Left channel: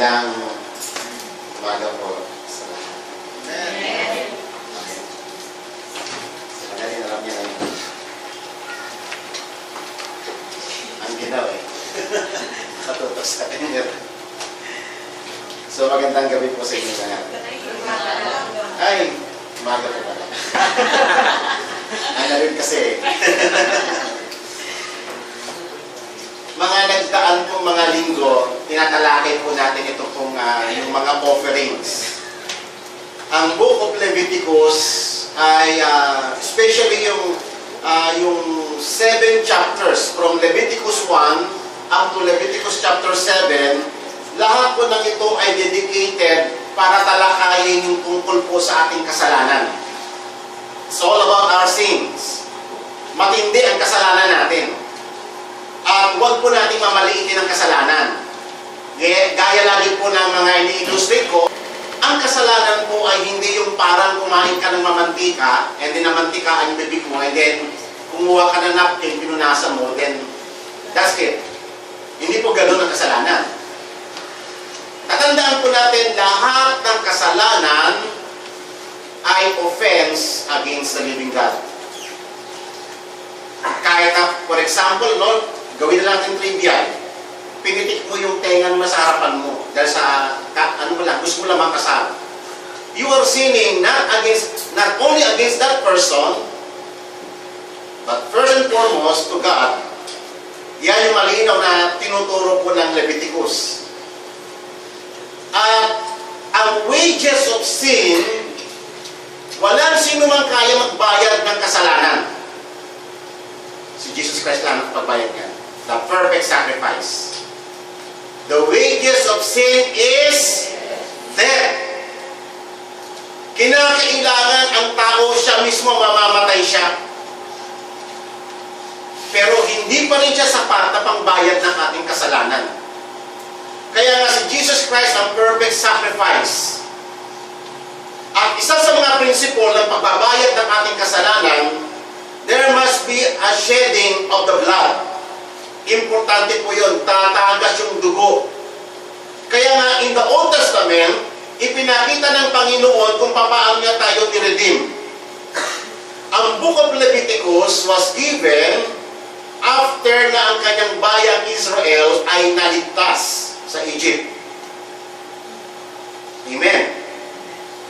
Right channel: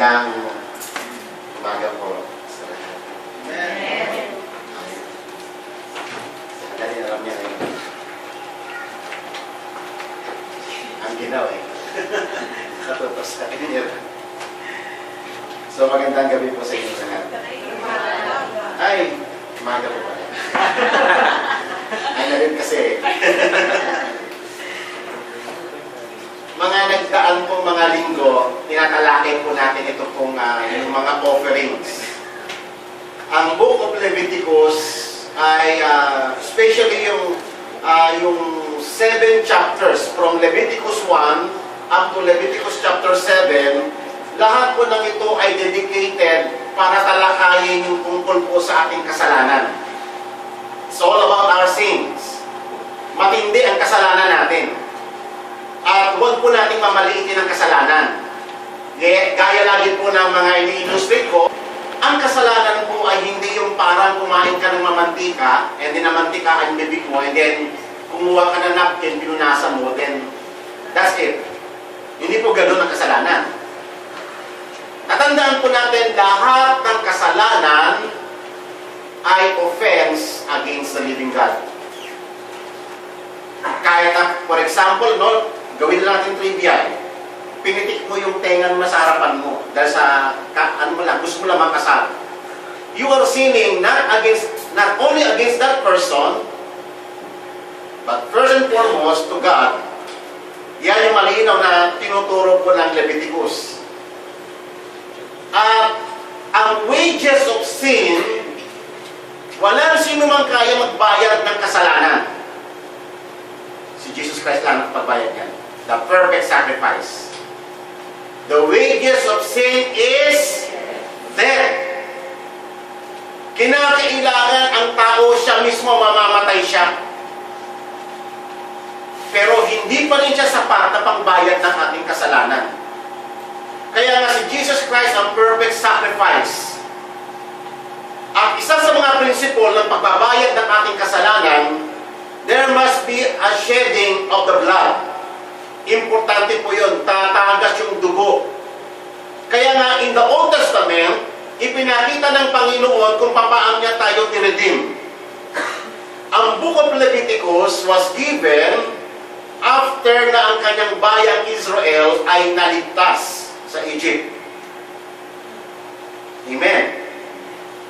Magandang umaga po sa lahat. Amen. Sandali na lang niya ngayon. Ang ginaw eh. Katutos sa kanya. So magandang gabi po sa inyo lahat. Ay, umaga po pala. Ay na rin kasi. Mga nagdaan pong mga linggo, tinatalakay po natin ito pong yung mga offerings. Ang Book of Leviticus ay especially yung 7 chapters from Leviticus 1 up to Leviticus chapter 7, lahat po ng ito ay dedicated para talakayin yung tungkol po sa ating kasalanan. It's all about our sins. Matindi ang kasalanan natin. At huwag po nating mamaliitin ang kasalanan. Gaya lagi po ng mga ini-illustrate ko, ang kasalanan po ay hindi yung parang kumain ka ng mamantika, and then namantika ang bibig mo, and then kumuha ka ng napkin, pinunasan mo, then that's it. Hindi po ganun ang kasalanan. Tatandaan po natin, lahat ng kasalanan ay offense against the living God. Kahit for example, no, gawin na natin trivia. Pinitik mo yung tengan mo sa harapan mo dahil sa gusto mo lang makasal. You are sinning not only against that person, but first and foremost to God. Yan yung malinaw na tinuturo po ng Leviticus. Ang wages of sin, walang sino man kaya magbayad ng kasalanan. Si Jesus Christ lang magbayad yan. The perfect sacrifice. The wages of sin is death. Kinakailangan ang tao siya mismo mamamatay siya. Pero hindi pa rin siya sapat na pangbayad ng ating kasalanan. Kaya nga si Jesus Christ ang perfect sacrifice. At isa sa mga prinsipyo ng pagbabayad ng ating kasalanan, there must be a shedding of the blood. Importante po yun, tatagas yung dugo. Kaya nga, in the Old Testament, ipinakita ng Panginoon kung paano niya tayo niredeem. Ang Book of Leviticus was given after na ang kanyang bayang Israel ay naligtas sa Egypt. Amen.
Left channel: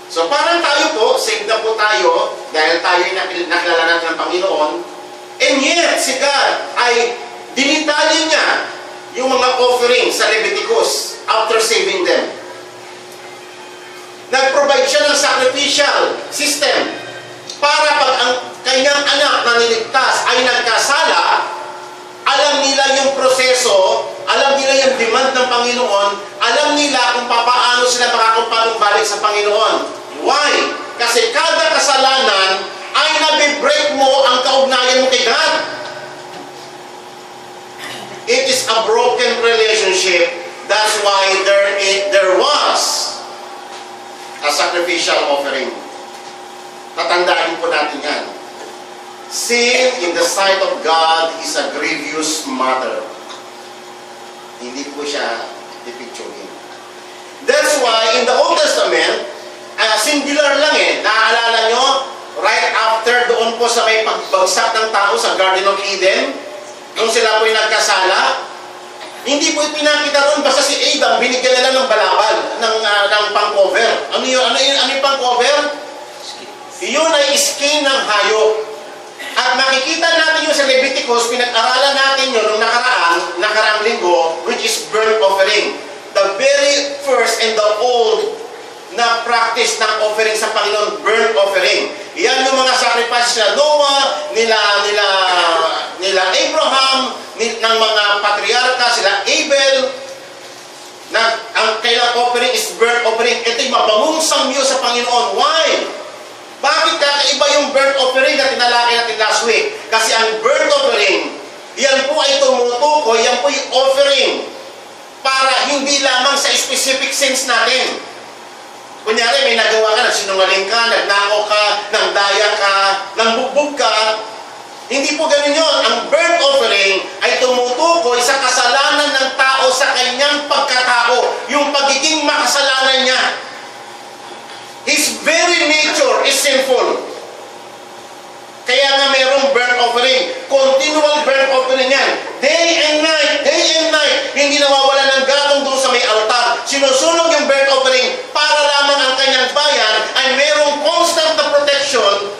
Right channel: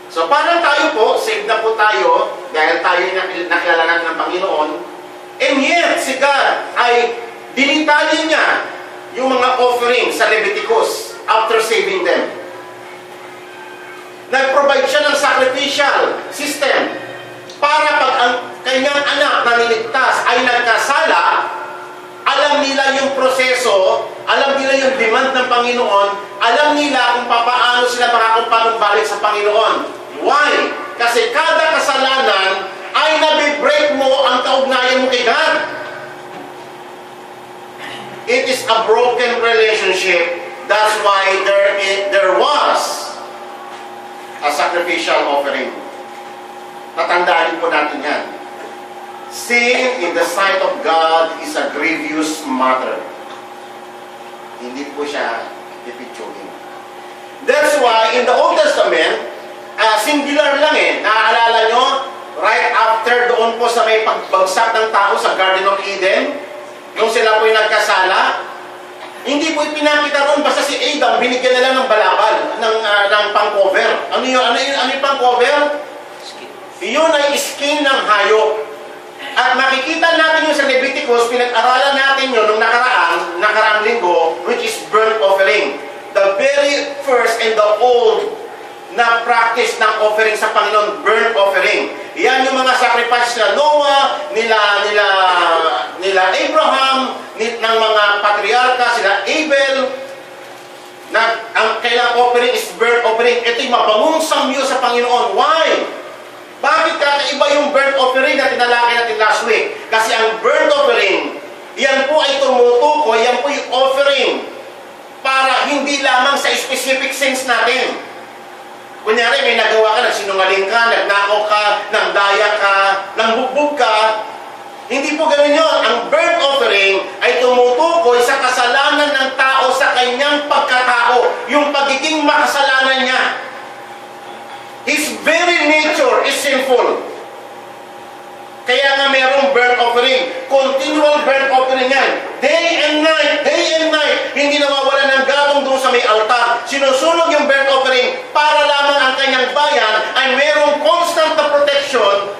So parang tayo po, saved na po tayo, dahil tayo nakilala natin ng Panginoon, and yet si God ay dinitalya niya yung mga offering sa Leviticus after saving them. Nag-provide siya ng sacrificial system para pag ang kanyang anak na niligtas ay nagkasala, alam nila yung proseso, alam nila yung demand ng Panginoon, alam nila kung paano sila makakapagbalik sa Panginoon. Why? Kasi kada kasalanan ay nabibreak mo ang kaugnayan mo kay God. It is a broken relationship. That's why there was a sacrificial offering. Tatandaan po natin yan. Sin in the sight of God is a grievous matter. Hindi po siya pipicturin. That's why in the Old Testament, singular lang eh. Naaalala nyo, right after doon po sa may pagbagsak ng tao sa Garden of Eden, nung sila po'y nagkasala, hindi po ipinakita ron basta si Adam, binigyan nila ng balabal, ng pang-cover. Ano yung pang-cover? Iyon ay skin ng hayop. At makikita natin yung sa Leviticus, pinag-aralan natin yun nung nakaraang linggo, which is burnt offering. The very first and the old na practice ng offering sa Panginoon, burnt offering. Yan yung mga sacrifices na Noah, nila Abraham, ng mga patriarka, sila Abel, na ang kailang offering is burnt offering. Ito yung mabangong samyo sa Panginoon. Why? Bakit kakaiba yung burnt offering na tinalakay natin last week? Kasi ang burnt offering, yan po ay tumutukoy, yan po yung offering para hindi lamang sa specific sins natin. Kunyari, may nagawa ka, nagsinungaling ka, nagnakaw ka, nangdaya ka, nangbugbog ka. Hindi po ganun yun. Ang burnt offering ay tumutukoy sa kasalanan ng tao sa kanyang pagkatao. Yung pagiging very nature is sinful. Kaya nga mayroong burnt offering. Continual burnt offering yan. Day and night, hindi nawawala ng gatong doon sa may altar. Sinusunog yung burnt offering para lamang ang kanyang bayan ay mayroong constant na protection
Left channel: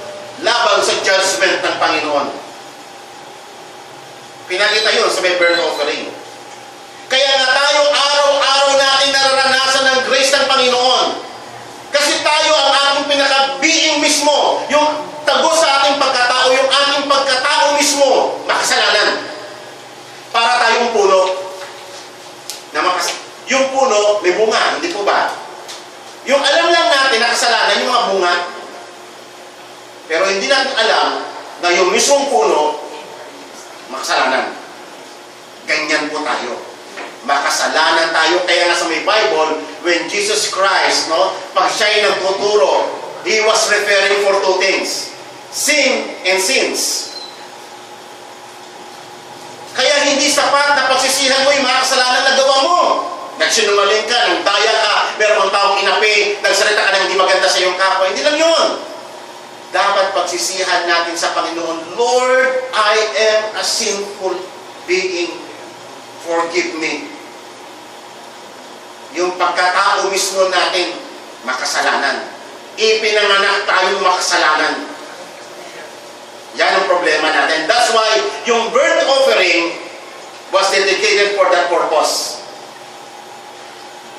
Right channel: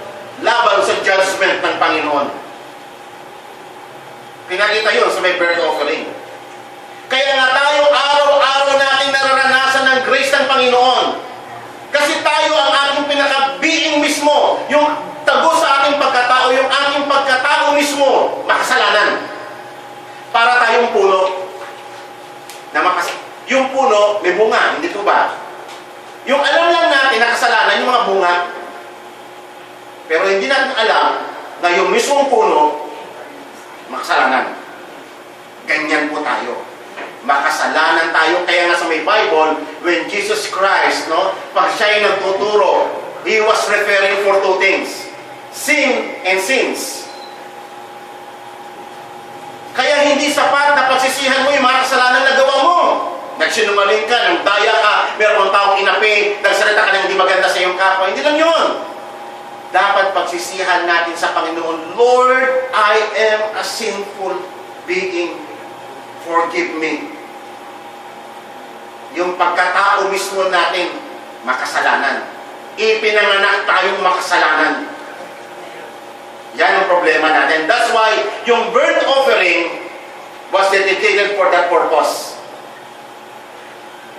laban sa judgment ng Panginoon. Pinakita yun sa may burnt offering. Kaya nga tayo araw-araw nating nararanasan ng grace ng Panginoon. Kasi tayo ang ating pinaka-being mismo, yung tagos sa ating pagkatao, yung ating pagkatao mismo, makasalanan. Para tayong puno. Yung puno, may bunga, hindi po ba? Yung alam lang natin na kasalanan, yung mga bunga. Pero hindi natin alam na yung mismong puno, makasalanan. Ganyan po tayo. Makasalanan tayo. Kaya nga sa may Bible, when Jesus Christ, pag siya'y nagtuturo, He was referring for two things. Sin and sins. Kaya hindi sapat na pagsisihan mo yung mga kasalanan na gawa mo. Nagsinungaling ka, nang daya ka, meron kang taong inapi, nagsalita ka ng hindi maganda sa iyong kapwa. Hindi lang yun. Dapat pagsisihan natin sa Panginoon, Lord, I am a sinful being. Forgive me. Yung pagkatao mismo natin, makasalanan. Ipinanganak tayong makasalanan. Yan ang problema natin. That's why yung burnt offering was dedicated for that purpose.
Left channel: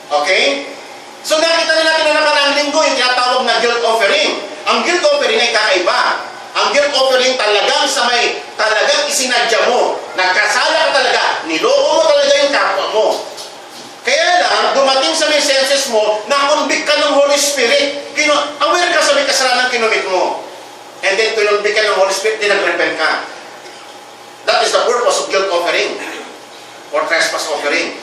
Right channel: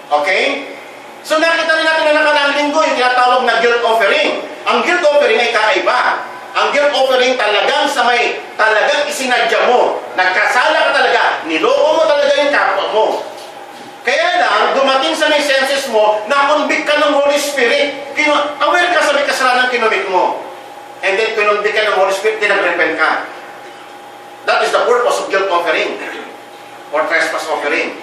Okay? So nakita rin natin na nakaraang linggo yung tinatawag na guilt offering. Ang guilt offering ay kakaiba. Ang guilt offering talagang talagang isinadya mo. Nagkasala ka talaga. Niloko mo talaga yung kapwa mo. Kaya lang, dumating sa may senses mo, na-convict ka ng Holy Spirit. Aware ka sa may kasalanan kinumit mo. And then, kinumvict ka ng Holy Spirit, din nag-repent ka. That is the purpose of guilt offering. Or trespass offering.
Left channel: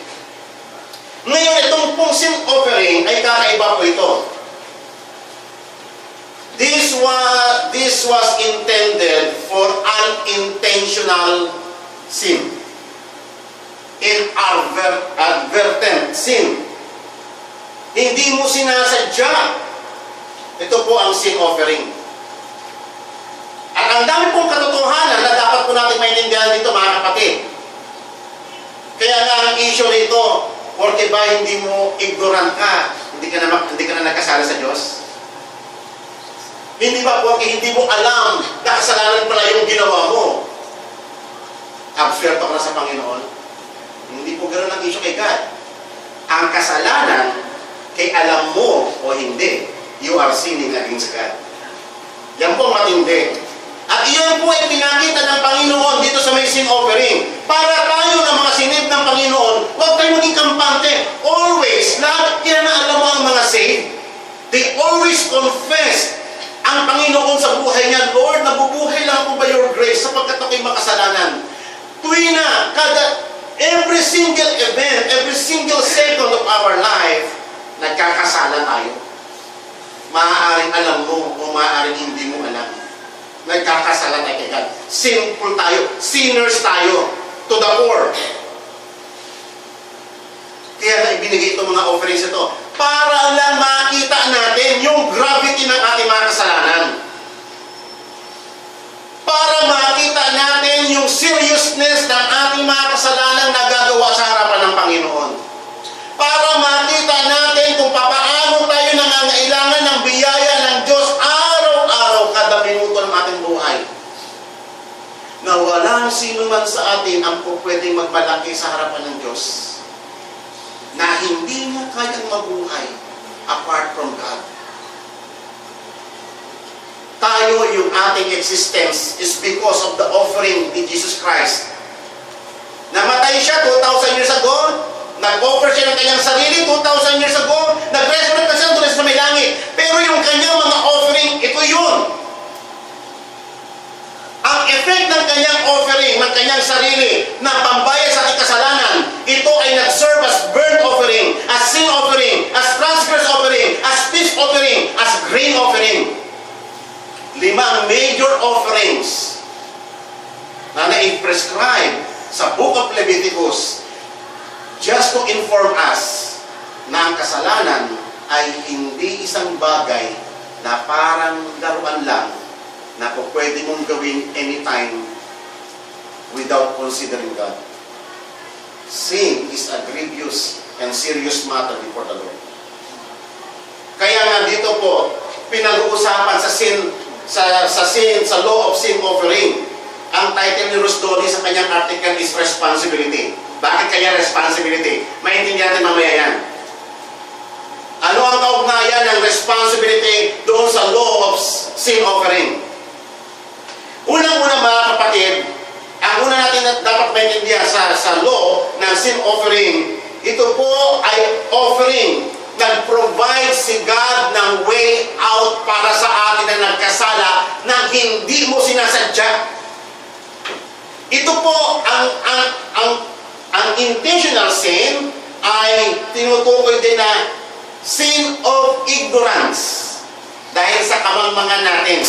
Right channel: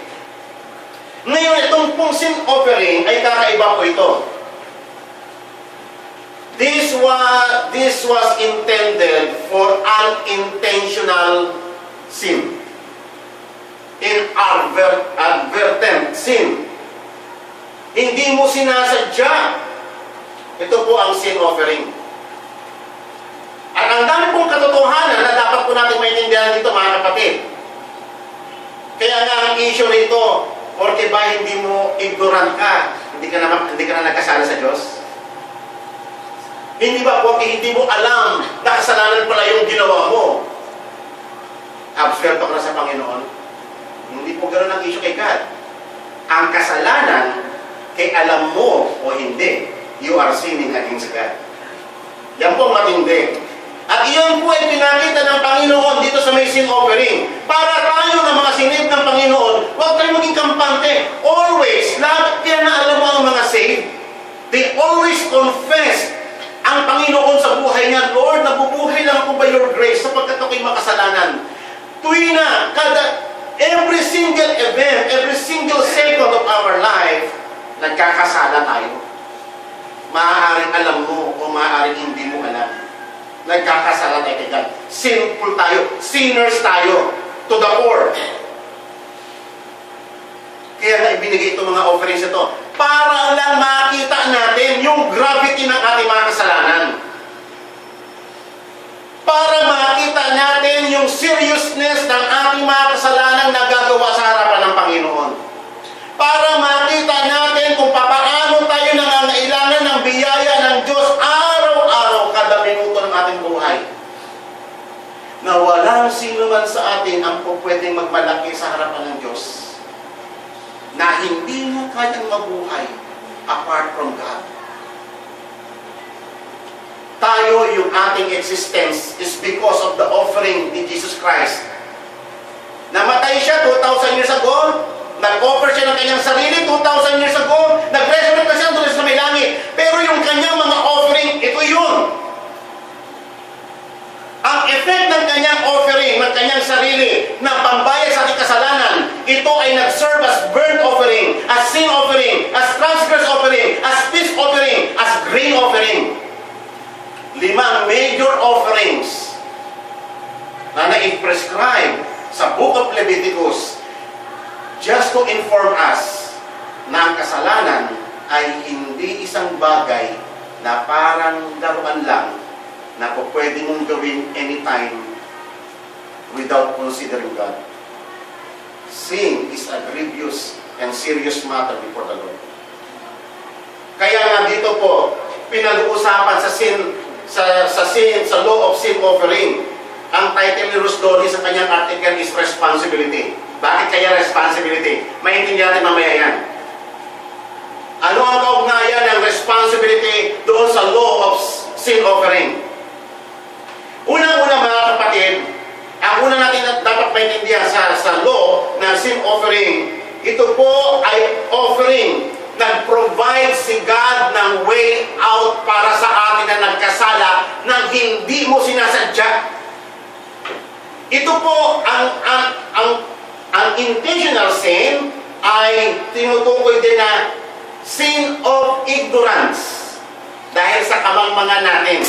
Ngayon, itong pong sin offering ay kakaiba po ito. This was intended for unintentional sin. Inadvertent sin. Hindi mo sinasadya. Ito po ang sin offering. At ang dami pong katotohanan na dapat po natin maintindihan dito, mga kapatid. Kaya nga ang issue nito, porque ba hindi mo ignorant ka, hindi ka na nagkasala sa Diyos? Hindi ba po hindi mo alam na kasalanan pala yung ginawa mo? Absuelto ka na sa Panginoon? Hindi po ganoon ang issue kay God. Ang kasalanan, kay alam mo o hindi, you are sinning against God. Yan po ang matindi. At iyon po ay pinakita ng Panginoon dito sa may sin offering. Para tayo na mga sinib ng Panginoon, huwag tayo maging kampante. Always, lahat kaya na alam mo ang mga saved, they always confess ang Panginoon sa buhay niya, Lord, nabubuhay lang ako by your grace sapagkat ako'y makasalanan. Tuwi na, every single event, every single second of our life, nagkakasala tayo. Maaaring alam mo o maaaring hindi mo alam. Nagkakasala tayo kay God. Simple tayo. Sinners tayo. To the core. Kaya na ibinigay itong mga offerings ito. Para lang makita natin yung gravity ng ating mga kasalanan. Para makita natin yung seriousness ng ating mga kasalanang nagagawa sa harapan ng Panginoon. Para makita natin kung papaano tayo nangangailangan ng biyaya ng Diyos araw-araw kada minuto ng ating buhay. Na walang sino man sa atin ang pwedeng magmalaki sa harapan ng Diyos na hindi na kayang mabuhay apart from God. Tayo, yung ating existence is because of the offering ni Jesus Christ. Namatay siya 2,000 years ago, nag-offer siya ng kanyang sarili 2,000 years ago, nag-resurrect na siya doon sa may langit. Pero yung kanyang mga offering, ito yun. Ang effect ng kanyang offering, ng kanyang sarili, na pambayad sa ating kasalanan, ito ay nag-serve as burnt offering, as sin offering, as transgress offering, as peace offering, as grain offering. 5 major offerings na na-prescribe sa Book of Leviticus just to inform us na ang kasalanan ay hindi isang bagay na parang laruan lang na kung pwede mong gawin anytime without considering God. Sin is a grievous and serious matter before the Lord. Kaya nga dito po, pinag-uusapan sa law of sin offering. Ang title ni Rusdoli sa kanyang article is responsibility. Bakit kaya responsibility? Maintindihan natin mamaya yan. Ano ang kaugnayan ng responsibility doon sa law of sin offering? Unang-una mga kapatid, ang una natin dapat maintindihan sa law ng sin offering, ito po ay offering. Nag-provide si God ng way out para sa atin na nagkasala nang hindi mo sinasadya. Ito po ang intentional sin ay tinutukoy din na sin of ignorance dahil sa kamangmangan natin,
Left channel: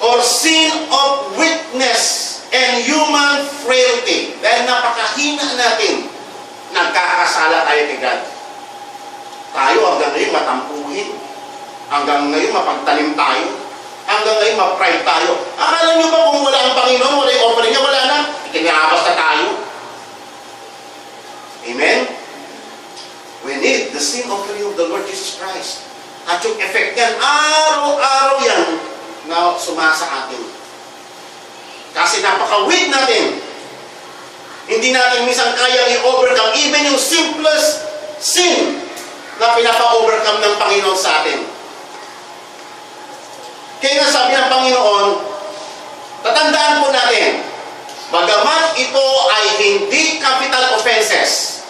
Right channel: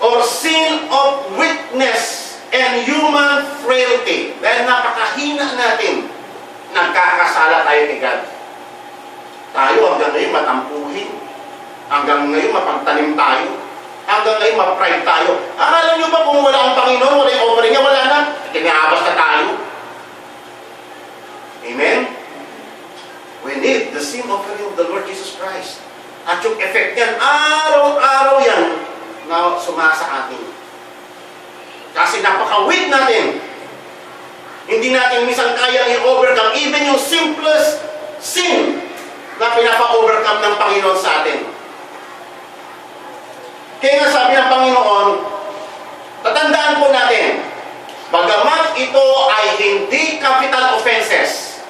or sin of weakness and human frailty dahil napakahina natin, nagkakasala tayo kay God. Tayo hanggang ngayon matampuhin, hanggang ngayon mapagtanim tayo, hanggang ngayon ma-pride tayo. Akala nyo ba kung wala ang Panginoon, wala yung offering niya, wala na, ikinabas na tayo. Amen? We need the sin offering of the Lord Jesus Christ. At yung effect yan, araw-araw yan na sumasa atin. Kasi napaka-weak natin. Hindi natin minsan kayang i-overcome even yung simplest sin na pinapa-overcome ng Panginoon sa atin. Kaya nga sabi ng Panginoon, tatandaan po natin, bagamat ito ay hindi capital offenses.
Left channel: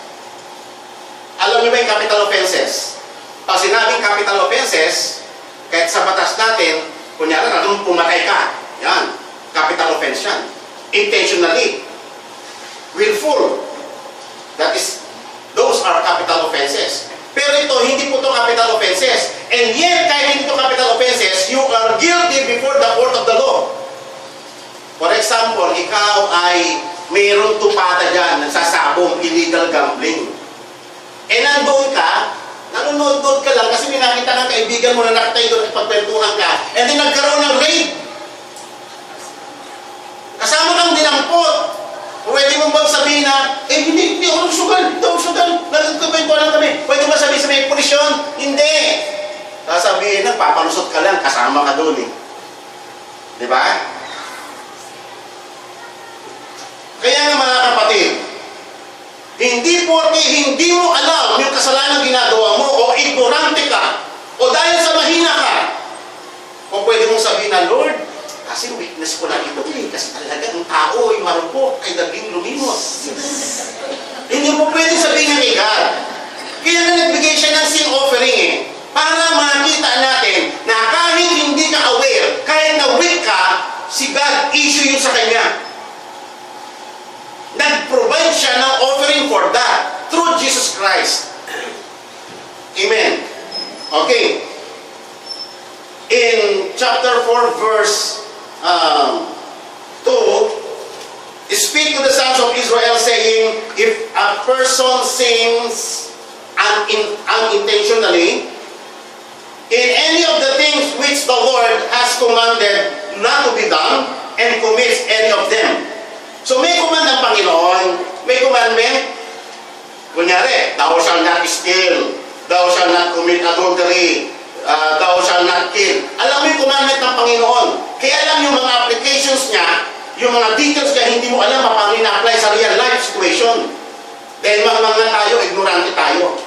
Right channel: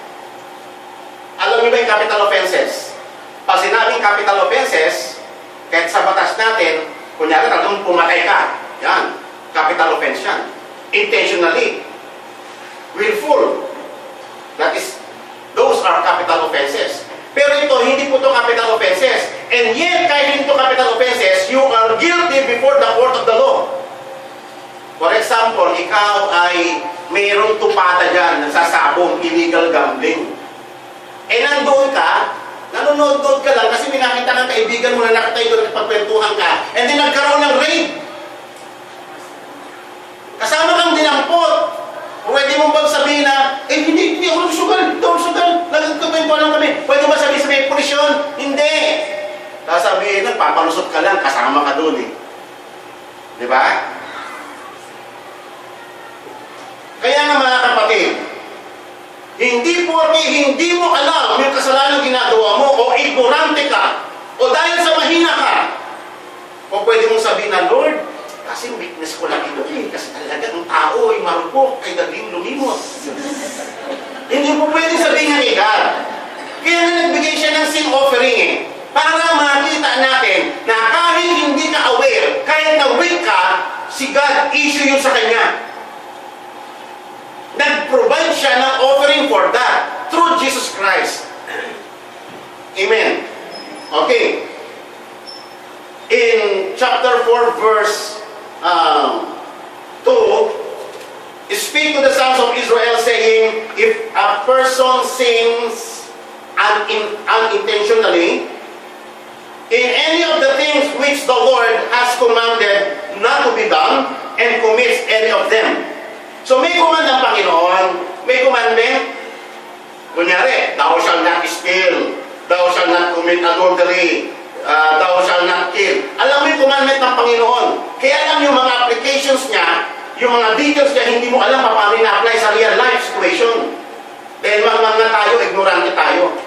Alam niyo ba yung capital offenses? Pag sinabing capital offenses, kahit sa batas natin, kunyari na doon pumatay ka, yan, capital offense yan. Intentionally, willful, that is, those are capital offenses. Pero ito, hindi po ito capital offenses. And yet, kahit hindi ito capital offenses, you are guilty before the court of the law. For example, ikaw ay mayroong tupada dyan, nagsasabong, illegal gambling. Eh nandoon ka, nanonood ka lang kasi may nakita kang kaibigan mo na nakatay doon at pagkwentuhan ka, and then nagkaroon ng raid. Kasama kang dinampot. Pwede mo bang sabihin na, hindi ako nagsugal, nagkakwentuhan lang kami. Pwede mo sabihin sa may pulisyon? Hindi. Sasabihin lang, papalusot ka lang, kasama ka doon eh. Di ba? Kaya nga mga kapatid, hindi porke hindi mo alam yung kasalanan ginagawa mo, o ignorante ka, o dahil sa mahina ka, o pwede mong sabihin na, Lord, kasi weakness ko lang ito eh, kasi talaga ang tao ay marupok, ay daling lumimos. Hindi mo pwede sabihin nga kay God. Kaya nga nagbigay siya ng sin offering eh, para makita natin na kahit hindi ka aware, kahit na weak ka, si God issue yun sa kanya. Nag-provide siya ng offering for that through Jesus Christ. Amen. Okay. In chapter 4 verse 2, speak to the sons of Israel saying, if a person sins unintentionally in any of the things which the Lord has commanded not to be done, and commits any of them. So may command ng Panginoon, may commandment. Kunyari, thou shalt not steal, thou shalt not commit adultery, thou shalt not kill. Alam mo yung commandment ng Panginoon. Kaya alam yung mga applications niya, yung mga details niya, hindi mo alam paano ina-apply sa real life situation. Dahil mga tayo, ignorante tayo.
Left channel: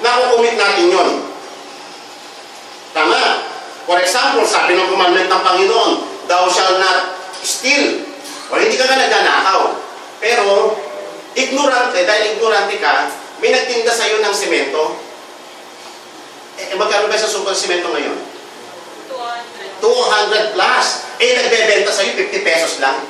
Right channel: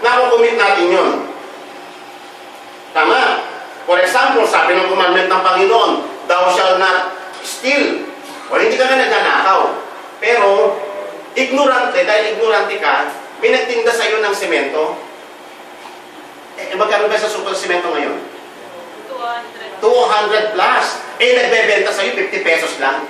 Nakukumit natin yun. Tama. For example, sabi ng commandment ng Panginoon, thou shalt not steal. O hindi ka nagnanakaw. Pero, ignorante, dahil ignorante ka, may nagtinda sa iyo ng semento. Magkano ba sa super semento ngayon? 200 plus. Nagbebenta sa iyo 50 pesos lang.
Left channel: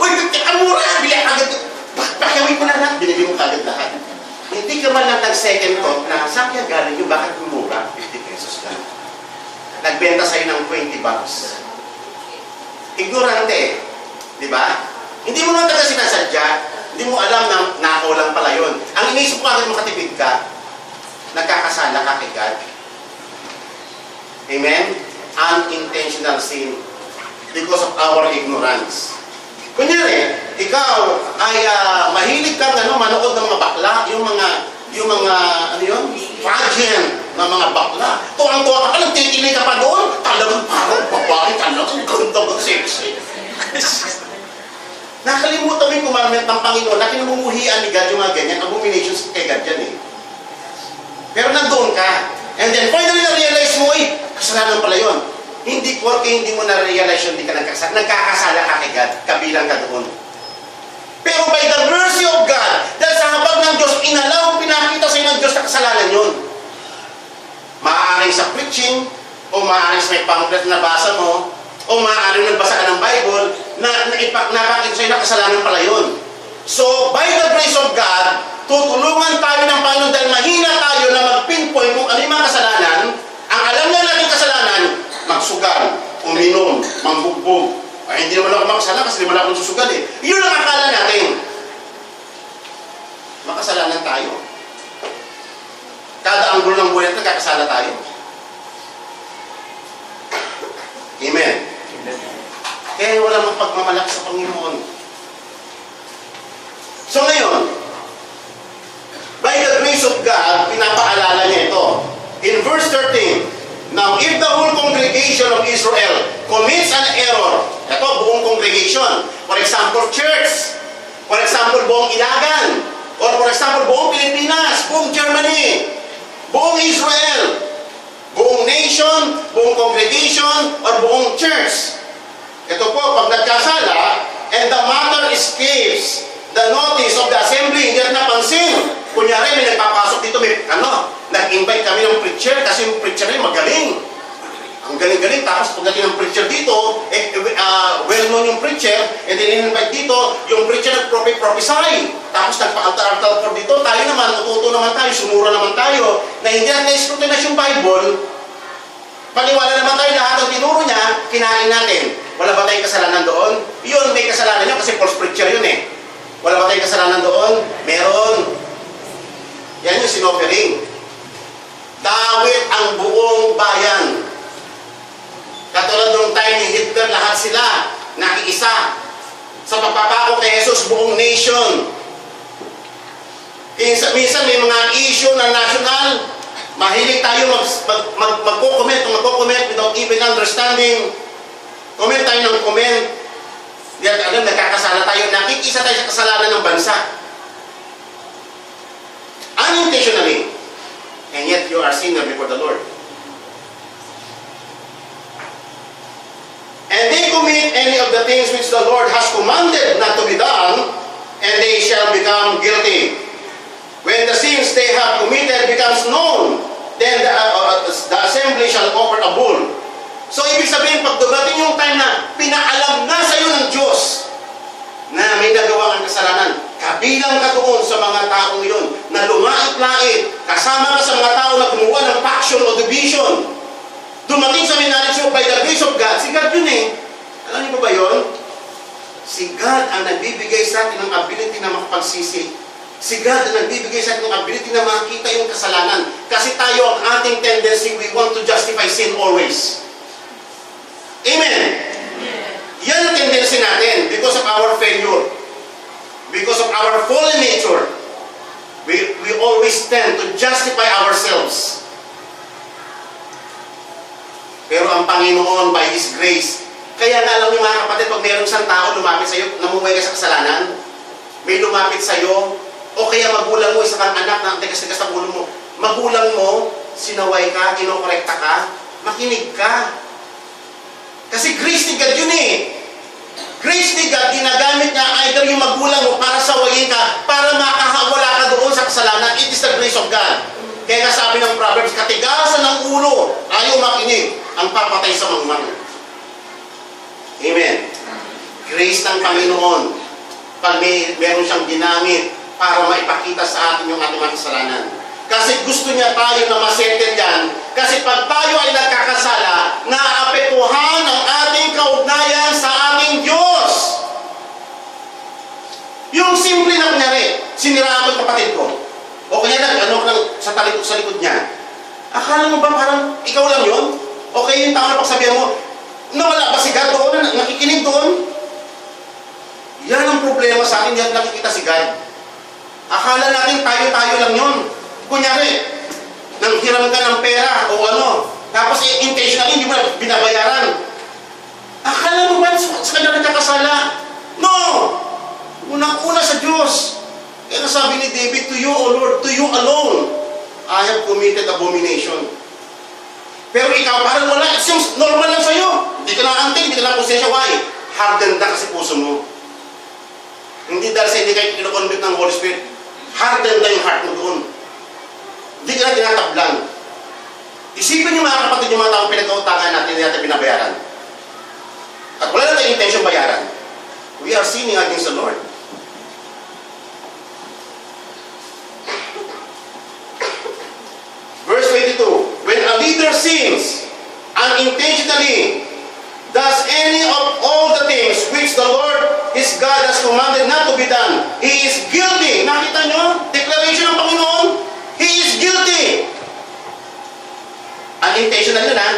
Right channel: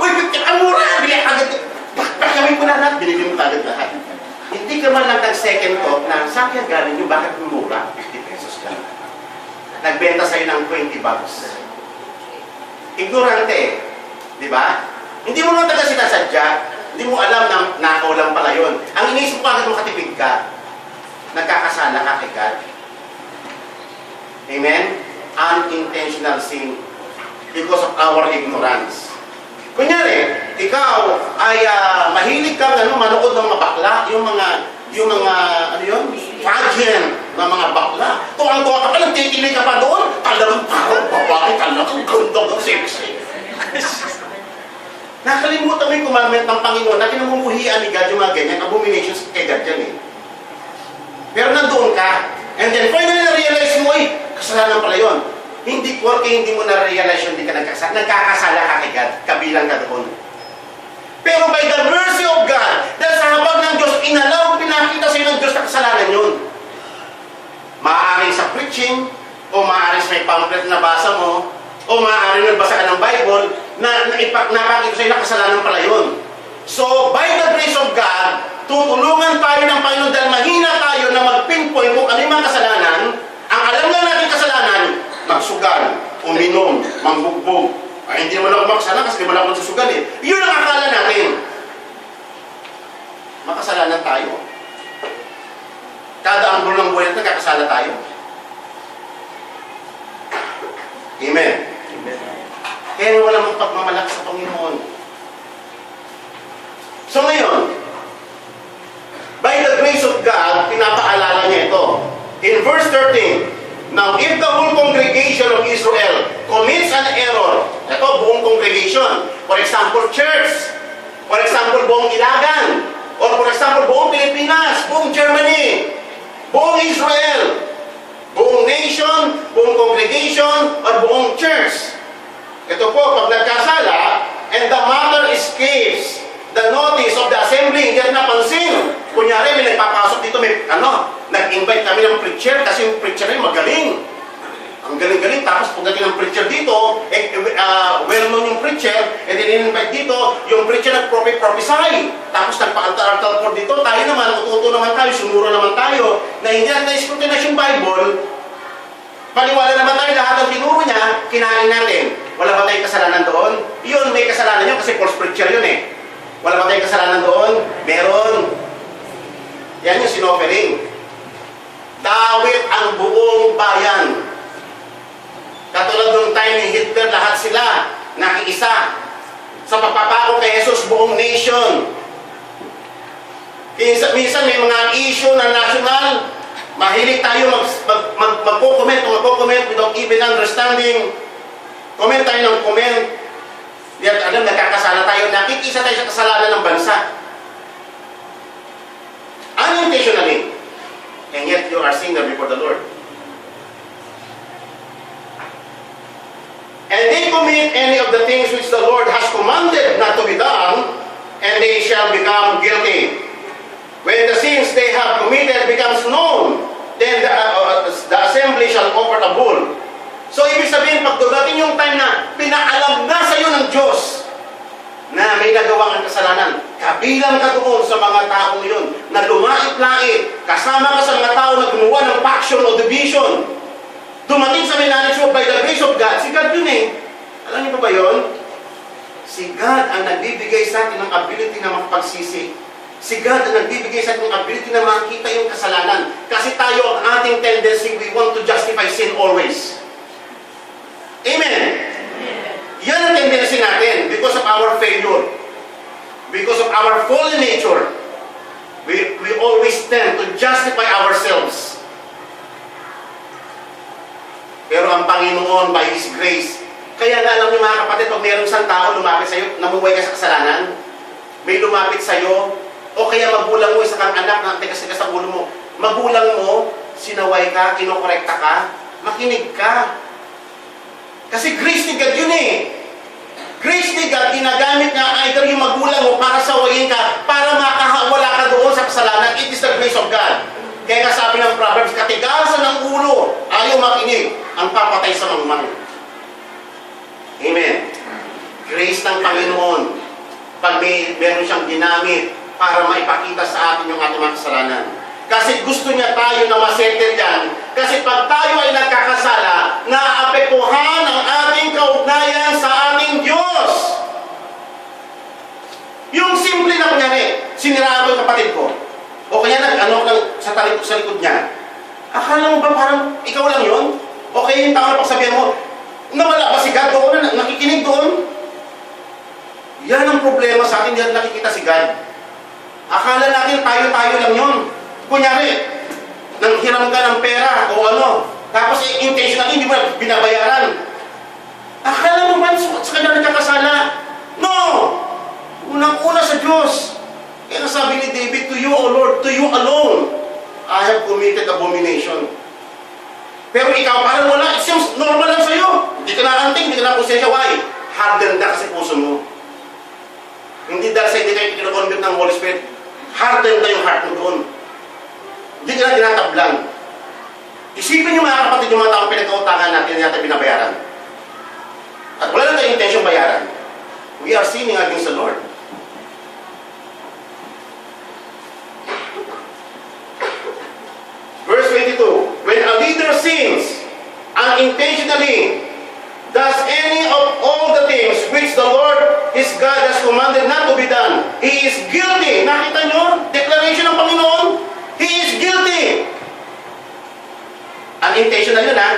Uy, 50, ang mura! Bili agad. Bakit mo na lahat? Binili mo agad lahat. Hindi ka man lang nag-second thought na saan kaya galing nyo, bakit mura? 50 pesos lang. Nagbenta sa iyo ng 20 bucks. Ignorante eh. Di ba? Hindi mo naman taga sinasadya. Hindi mo alam na nakaw lang pala yun. Ang iniisip mo agad makatipid ka. nagkakasala ka kay God. Amen? Unintentional sin because of our ignorance. Kunyari, ikaw ay mahilig kang manood ng mga bakla, yung mga ano yun? Pageant ng mga bakla. Tuwang-tuwa ka, nagtitinig ka pa doon, talagang parang babae, talagang ganda ng sexy. Nakalimutan mo yung commandment ng Panginoon na kinamumuhian ni God yung mga ganyan, abominations kay God yan eh. Pero nandoon ka, and then finally na-realize mo, kasalanan pala yun. Hindi mo na-realize yun, hindi ka nagkakasala ka kay God, kabilang ka doon. Pero by the mercy of God, dahil sa habag ng Diyos, pinakita sa'yo ng Diyos na kasalanan yun. Maaaring sa preaching, o maaaring sa may pamphlet na basa mo, o maaaring nagbasa ka ng Bible, na napakita sa'yo na kasalanan pala yun. So, by the grace of God, tutulungan tayo ng Panginoon dahil mahina tayo na mag-pinpoint kung ano yung mga kasalanan. Ang alam na natin kasalanan, magsugal, uminom, mangbugbog. Ay, hindi naman ako makasalanan kasi hindi naman ako susugal eh. Yun ang akala natin. Makasalanan tayo. Kada anggulo ng buhay natin, kakasala tayo. Amen. Amen. Kaya wala mong pagmamalaki sa Panginoon. So ngayon, by the grace of God, pinapaalala niya ito. In verse 13, now if the whole congregation of Israel commits an error, ito buong congregation, for example, church, for example, buong Ilagan, or for example, buong Pilipinas, buong Germany, buong Israel, buong nation, buong congregation, or buong church. Ito po, pag nagkasala, and the matter escapes the notice of the assembly, hindi natin napansin. Kunyari, may nagpapasok dito, nag-invite kami ng preacher, kasi yung preacher rin magaling. Ang galing-galing, tapos pagdating ng preacher dito, well-known yung preacher, and then in-invite dito, yung preacher nag-prophesy. Tapos nagpa-altar-altar dito, tayo naman, ututo naman tayo, sumuro naman tayo, na hindi natin na-scrutinize yung Bible, paniwala naman tayo lahat ng tinuro niya, kinain natin. Wala ba tayong kasalanan doon? Yun, may kasalanan yun kasi false preacher yun eh. Wala ba tayong kasalanan doon? Meron. Yan yung sinofering. Dawit ang buong bayan. Katulad nung time ni Hitler, lahat sila nakiisa. Sa pagpapako kay Jesus, buong nation. Minsan may mga issue na national, mahilig tayo magko-comment without even understanding. Comment tayo ng comment. Alam, nagkakasala tayo, nakikisa tayo sa kasalanan ng bansa. Unintentionally. And yet, you are sinner before the Lord. And they commit any of the things which the Lord has commanded not to be done, and they shall become guilty. When the sins they have committed becomes known, then the assembly shall offer a bull. So, ibig sabihin, pag dumating yung time na pinaalam na sa iyo ng Diyos na may nagawa kang kasalanan, kabilang ka doon sa mga taong yun na lumait-lait, kasama ka sa mga tao na gumawa ng faction o division, dumating sa knowledge mo by the grace of God, si God yun eh. Alam niyo ba yun? Si God ang nagbibigay sa atin ng ability na makapagsisi. Si God ang nagbibigay sa atin ng ability na makita yung kasalanan. Kasi tayo, ang ating tendency, we want to justify sin always. Amen? Yan ang tendency natin because of our failure. Because of our fallen nature. We always tend to justify ourselves. Pero ang Panginoon, by His grace, kaya nga alam niyo mga kapatid, pag mayroong isang tao lumapit sa iyo, namumuhay ka sa kasalanan, may lumapit sa iyo, o kaya magulang mo, isa kang anak na tigas-tigas ang ulo mo, magulang mo, sinaway ka, kinokorekta ka, makinig ka. Kasi grace ni God yun eh. Grace ni God, ginagamit niya either yung magulang mo para sawayin ka, para makahawala ka doon sa kasalanan. It is the grace of God. Kaya nga sabi ng Proverbs, katigasan ng ulo, ayaw makinig, ang papatay sa mangmang. Amen. Grace ng Panginoon, pag meron siyang ginamit para maipakita sa atin yung ating mga kasalanan. Kasi gusto niya tayo na masettle yan. Kasi pag tayo ay nagkakasala, naapektuhan ang ating kaugnayan sa ating Diyos. Yung simple na kunyari, siniraan ko yung kapatid ko. O kaya sa likod niya. Akala mo ba parang ikaw lang yun? Okay yung tao na pagsabihan mo, nawala ba si God doon? Nakikinig doon? Yan ang problema sa atin, yan nakikita si God. Akala natin tayo-tayo lang yun. Kunyari, nanghiram ka ng pera o ano, tapos intentionally hindi mo na binabayaran. Akala mo ba sa kanya nagkakasala? No! Unang-una sa Diyos. Kaya nasabi ni David, to you, O Lord, to you alone, I have committed abomination. Pero ikaw, parang wala. It seems normal lang sa'yo. Hindi ka na anting, hindi ka na konsensya. Why? Hardened na kasi puso mo. Hindi dahil sa hindi kayo kinoconduct ng Holy Spirit. Hardened na yung heart mo doon. Hindi ka na tinatablang. Isipin niyo mga kapatid, yung mga taong pinagkautangan natin, hindi natin binabayaran. At wala na tayong intention bayaran. We are sinning against the Lord. Verse 22, when a leader sins unintentionally, does any of all the things which the Lord his God has commanded not to be done, he is guilty. Nakita nyo? Declaration ng Panginoon. He is guilty. Unintentional yun, ha?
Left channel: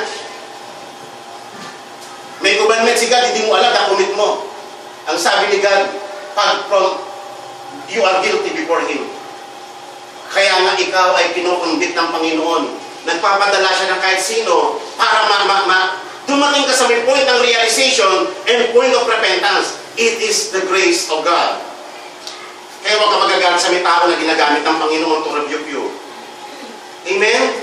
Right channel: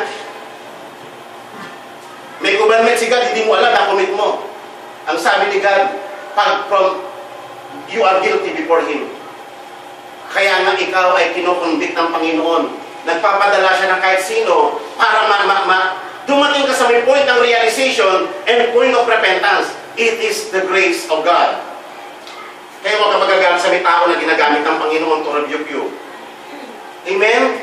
May commandment si God, hindi mo alam, na-commit mo. Ang sabi ni God, you are guilty before Him. Kaya nga ikaw ay kinokonvict ng Panginoon. Nagpapadala siya ng kahit sino para dumating ka sa may point ng realization and point of repentance. It is the grace of God. Kaya huwag ka magagalit sa may tao na ginagamit ng Panginoon to rebuke you. Amen?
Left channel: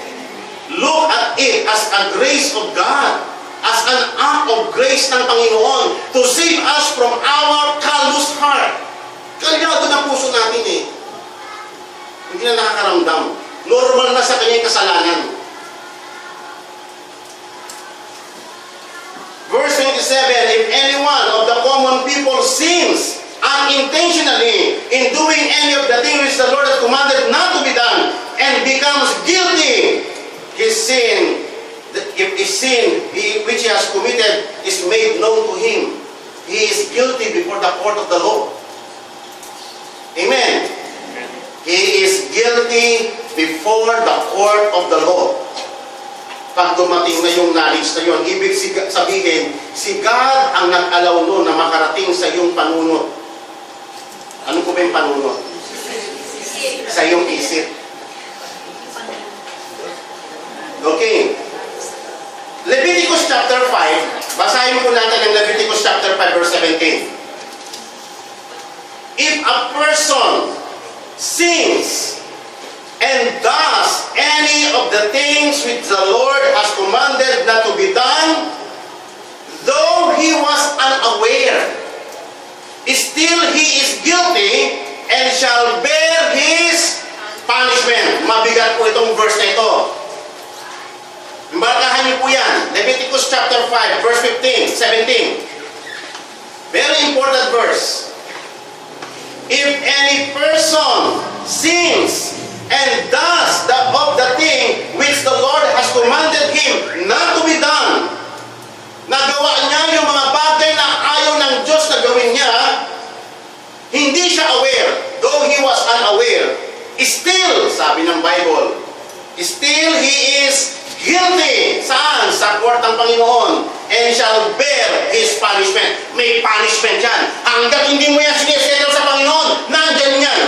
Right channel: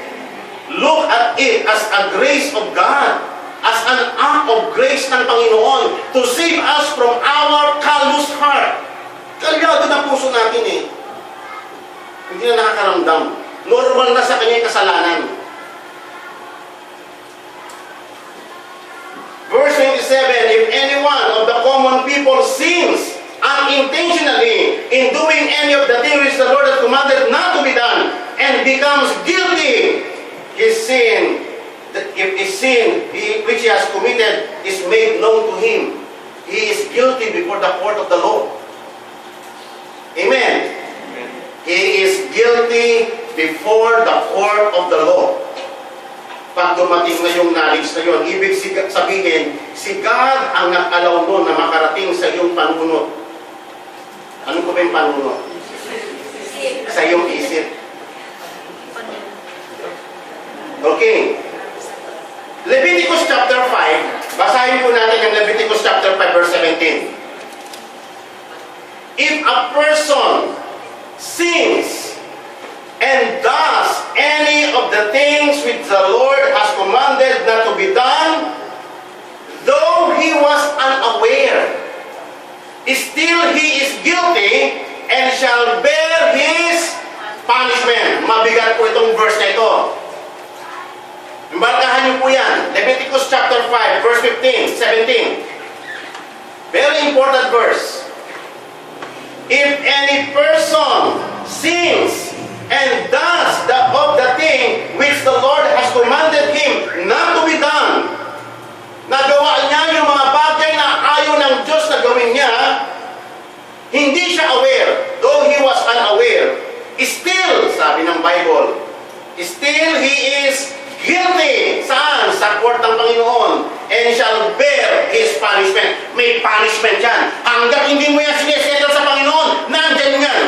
Look at it as a grace of God. As an act of grace ng Panginoon to save us from our callous heart. Kalyado ng puso natin eh. Hindi na nakakaramdam. Normal na sa kanya yung kasalanan. Verse 27, if any one of the common people sins unintentionally in doing any of the things which the Lord has commanded not to be done and becomes guilty, his sin which he has committed is made known to him. He is guilty before the court of the law. Amen. He is guilty before the court of the law. Pag dumating na yung knowledge na yun, ibig sabihin, si God ang nag-allow mo na makarating sa iyong panunot. Ano ko ba yung panunot? Sa iyong isip. Okay. Leviticus chapter 5, basahin po natin ang Leviticus chapter 5 verse 17. If a person sins and does any of the things which the Lord has commanded not to be done, though he was unaware, still he is guilty and shall bear his punishment. Mabigat po itong verse na ito. Markahan niyo po yan. Leviticus chapter 5, verse 15, 17. Very important verse. If any person sins and does of the thing which the Lord has commanded him not to be done, nagawa niya yung mga bagay na ayaw ng Diyos na gawin niya, hindi siya aware, though he was unaware, still, sabi ng Bible, still he is guilty. Saan? Sa court ng Panginoon. And shall bear his punishment. May punishment yan. Hanggang hindi mo yan sinisettle sa Panginoon, nandyan yan.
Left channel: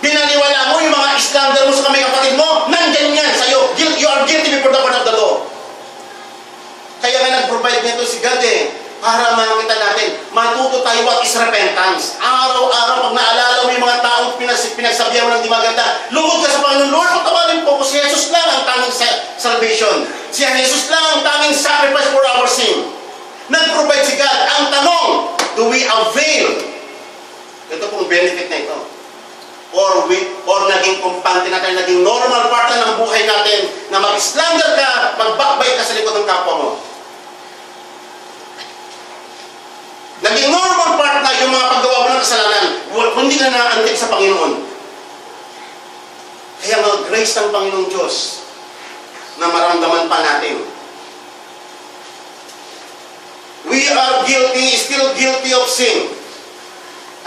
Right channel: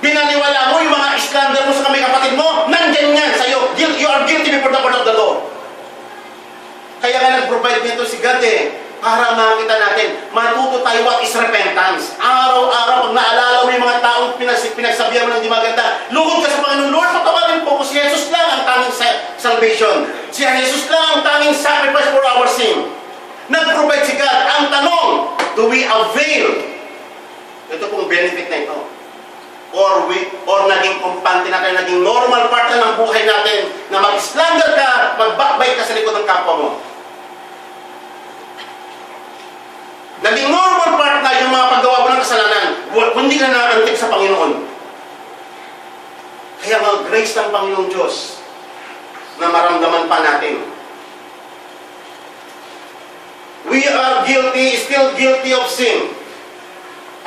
Binaniwala mo yung mga slander mo sa kamay kapatid mo, nandyan yan sa'yo. You are guilty before the court of the law. Kaya nga nag-provide nito si God eh. Para makita natin, matuto tayo what is repentance. Araw-araw, pag naalala mo yung mga taong pinagsabihan mo ng di maganda, lugod ka sa Panginoon, Lord, patawarin po ko, si Jesus lang ang tanging salvation. Si Jesus lang ang tanging sacrifice for our sin. Nag-provide si God. Ang tanong, do we avail? Ito pong benefit na ito. Or naging kumpante natin, naging normal part na ng buhay natin, na mag-slander ka, mag-backbite ka sa likod ng kapwa mo. Naging normal part na yung mga paggawa mo ng kasalanan, hindi ka na naantig sa Panginoon. Kaya mga grace ng Panginoong Diyos na maramdaman pa natin. We are guilty, still guilty of sin.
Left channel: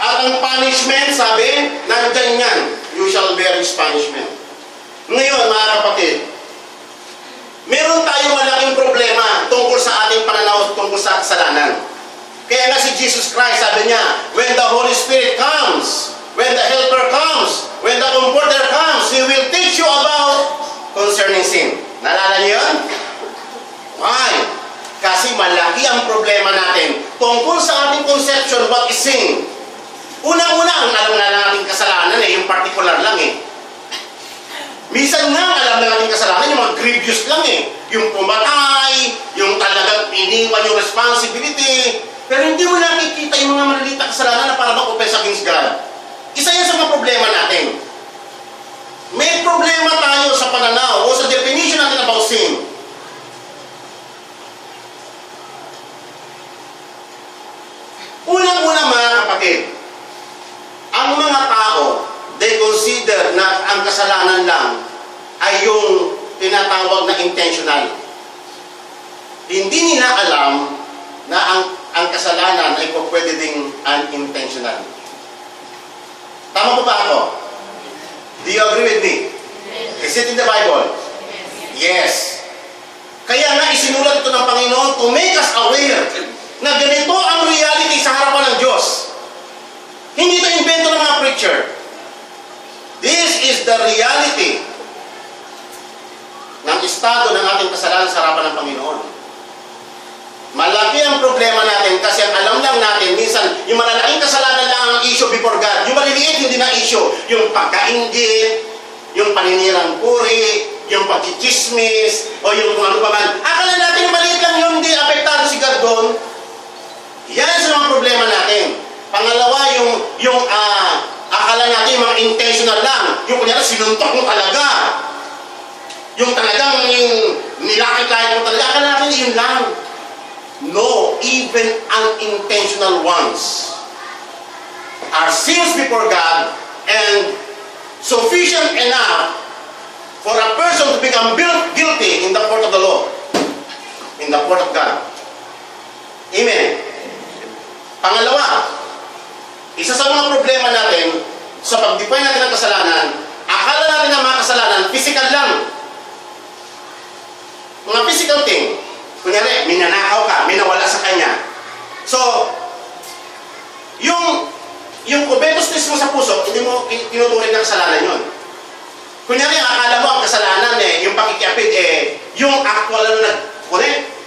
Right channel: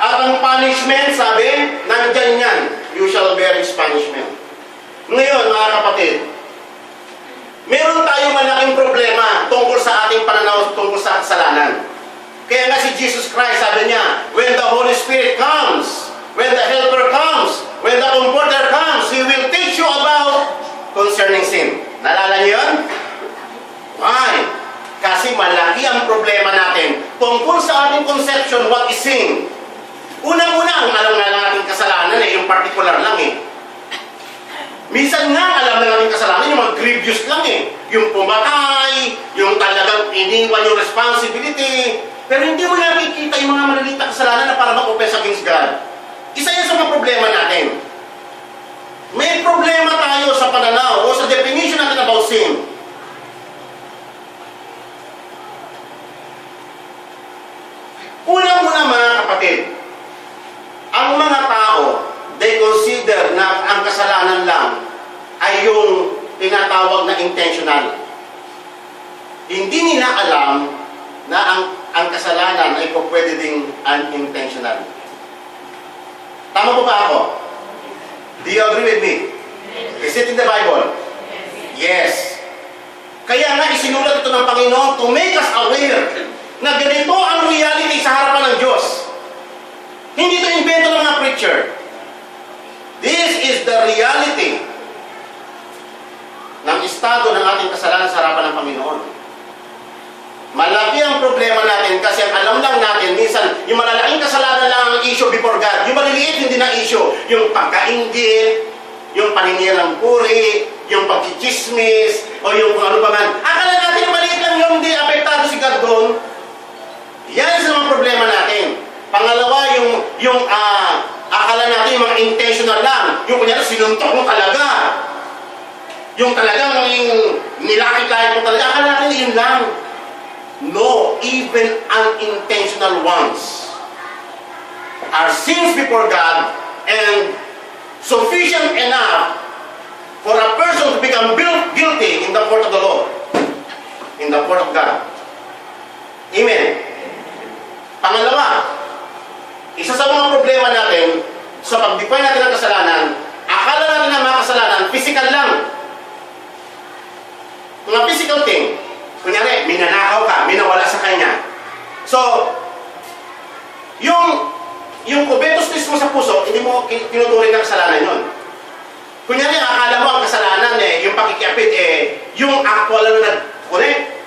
At ang punishment, sabi, nandyan yan. you shall bear His punishment. Ngayon, mga kapatid, meron tayong malaking problema tungkol sa ating pananaw tungkol sa kasalanan. Kaya nga si Jesus Christ, sabi niya, when the Holy Spirit comes, when the Helper comes, when the Comforter comes, He will teach you about concerning sin. Naalala niyo yun? Why? Kasi malaki ang problema natin tungkol sa ating conception, what is sin? Unang-una, ang alam nga lang ating kasalanan yung particular lang Minsan nga, alam na natin kasalanan, yung mga grievous lang Yung pumatay, yung talagang iniwan yung responsibility. Pero hindi mo nakikita yung mga maliliit na kasalanan na para mag-offense against God. Isa yan sa mga problema natin. May problema tayo sa pananaw o sa definition natin about sin. Unang-una mga kapatid, ang mga tao, they consider na ang kasalanan lang ay yung tinatawag na intentional. Hindi nila alam na ang kasalanan ay pwede ding unintentional. Tama po ba ako? Do you agree with me? Is it in the Bible? Yes. Kaya nga isinulat ito ng Panginoon to make us aware na ganito ang reality sa harapan ng Diyos. Hindi ito invento ng mga preacher. This is the reality ng estado ng ating kasalanan sa harapan ng Panginoon. Malaki ang problema natin kasi ang alam lang natin, minsan, yung malalaking kasalanan lang ang issue before God. Yung maliliit, hindi na issue. Yung pagkainggit, yung paninirang puri, yung pagkichismis, o yung kung ano pa man. Akala natin yung maliit lang yun, hindi apektado si God doon. Yan sa mga problema natin. Pangalawa, yung akala natin yung mga intentional lang. Yung kunyari, sinuntok mo talaga. Yung talagang, yung nilakit-lakit mo talaga. Akala natin yun lang. No, even unintentional ones are sins before God and sufficient enough for a person to become guilty in the court of the law, in the court of God. Amen. Pangalawa, isa sa mga problema natin sa pag-define natin ng kasalanan, akala natin na mga kasalanan, physical lang. Mga physical thing. Kunyari, minanakaw ka, minawala sa kanya. So, yung kubetos mo sa puso, hindi mo tinuturing na kasalanan yun. Kunyari, akala mo ang kasalanan yung pakikiapid, yung actual na nag-connect.